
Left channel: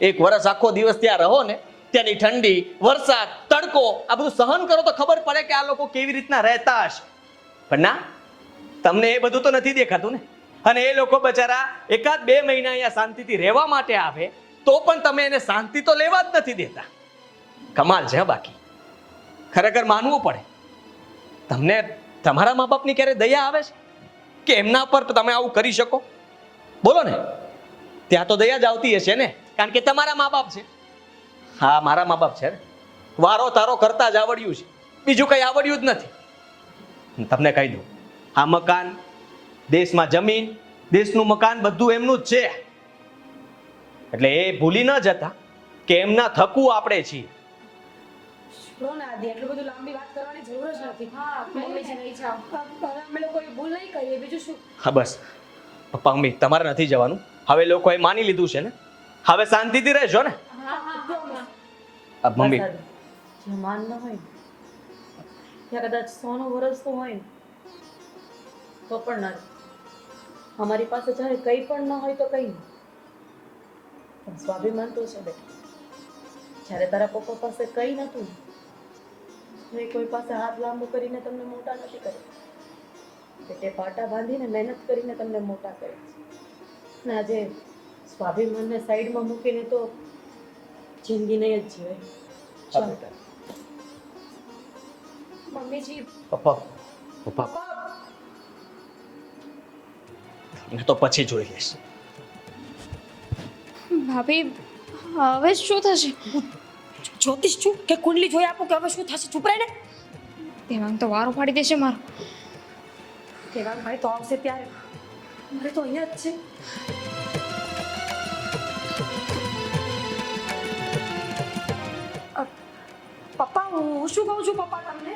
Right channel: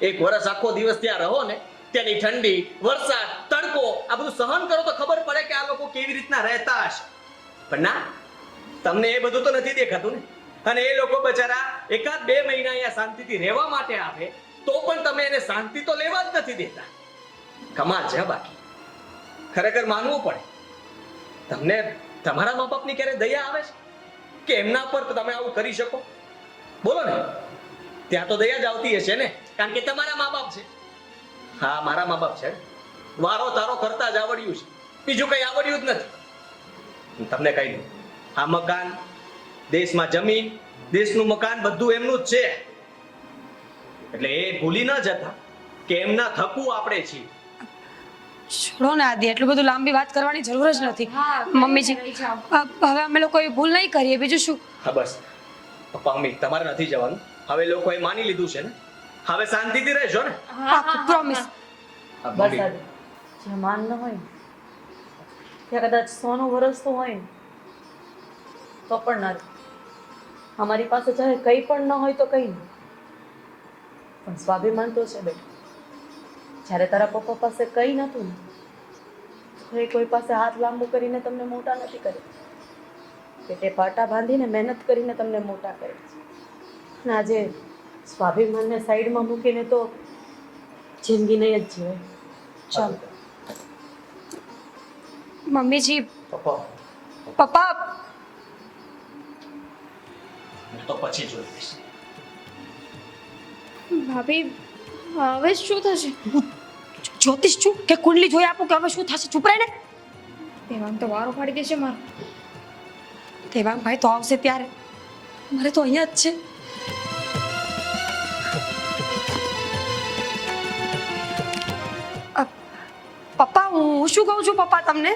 એક વર્ષ આખો દિવસ ત્યાં રહો ને, ત્યાંની ઠંડી, વરસાદ, તડકો આ બધું સહન કરો તો ખબર પડે કે આ લોકો કેવી રીતના રહેતા હશે. પણ ના, તમને એ બધું તો નથી દેખાતું ને. અને એ લોકો બચારા 1-2 મહિના અહીંયા શાંતિથી રહેવા માટે આવે તો પણ તમે એને શાંતિ તો લેવા જ નથી દેતા. કમાલ છે બાકી. ખરેખર માનવું પડે. તમને તમારા મા બાપની ક્યારે દયા આવે છે કે એમના પર તમે આવું કરી શકો? બોલો ને. ત્યાં તો દયા જ આવતી હશે ને, કારણ કે તમારા મા બાપ છે. હા, મારા મા બાપ છે. વારો તારો કરતા જ આવડ્યું છે, બીજું કઈ આવડ્યું જ નથી. તમને કહી દઉં, આ મકાન, દેશમાં જમીન, દેશનું મકાન બધું એમનું જ છે. એટલે એ ભૂલી ન જતા કે એમના થકું આપણે છીએ. છોડો ને આદિ, એટલું બધું લાંબી વાત કરવાની જરૂર જ નથી. મમ્મીજી, હવે અમે લોકો એ ભૂલ નહીં કરીએ, બીજું શું. હા બસ પપ્પા મમ્મી, તમારે નથી જવાનું. હવે લોકોએ માની લીધું છે ને, હવે શાંતિથી રહેજો ને. પ્રોમિસ. મમ્મી, જ્યાં માન ન હોય ને, ત્યાં કદાચ 100નું વરસ તો હોય ને તો પણ ના. અમારી પાસે ચાહે કંઈ પણ ન હોય તો કંઈ નહીં, પણ સ્વાભિમાન તો છે બેટા. જ્યારે તારા પપ્પા પાસે કંઈ નહોતું ને તો એ કોઈ પાસે હાથ લાંબુ કરીને તમને મોટા નથી કર્યા. પેટે પાટા બાંધીને મહેનત કરીને તમને મોટા કરે છે. અને આજે સ્વાભિમાનને સાઈડમાં મૂકીને તો જિંદગી નહીં જ જીવે. ચાલો મમ્મીજી, પપ્પા પપ્પા, એ તો પછી જોઈ લઈશ. ભાભી હવે શું થશે? જ્યોતિષ છું કે કુંડલી જોઈ આપું કે હવે શું થશે? ચૂપ રહે ને. તેમાં તો વારો પાડી દેશે મારો. દેવાંગભાઈ તો આવશે ત્યારે, મારે તો અહીંયા જ છે. પપ્પા, હું શું કહું છું પપ્પા તમને?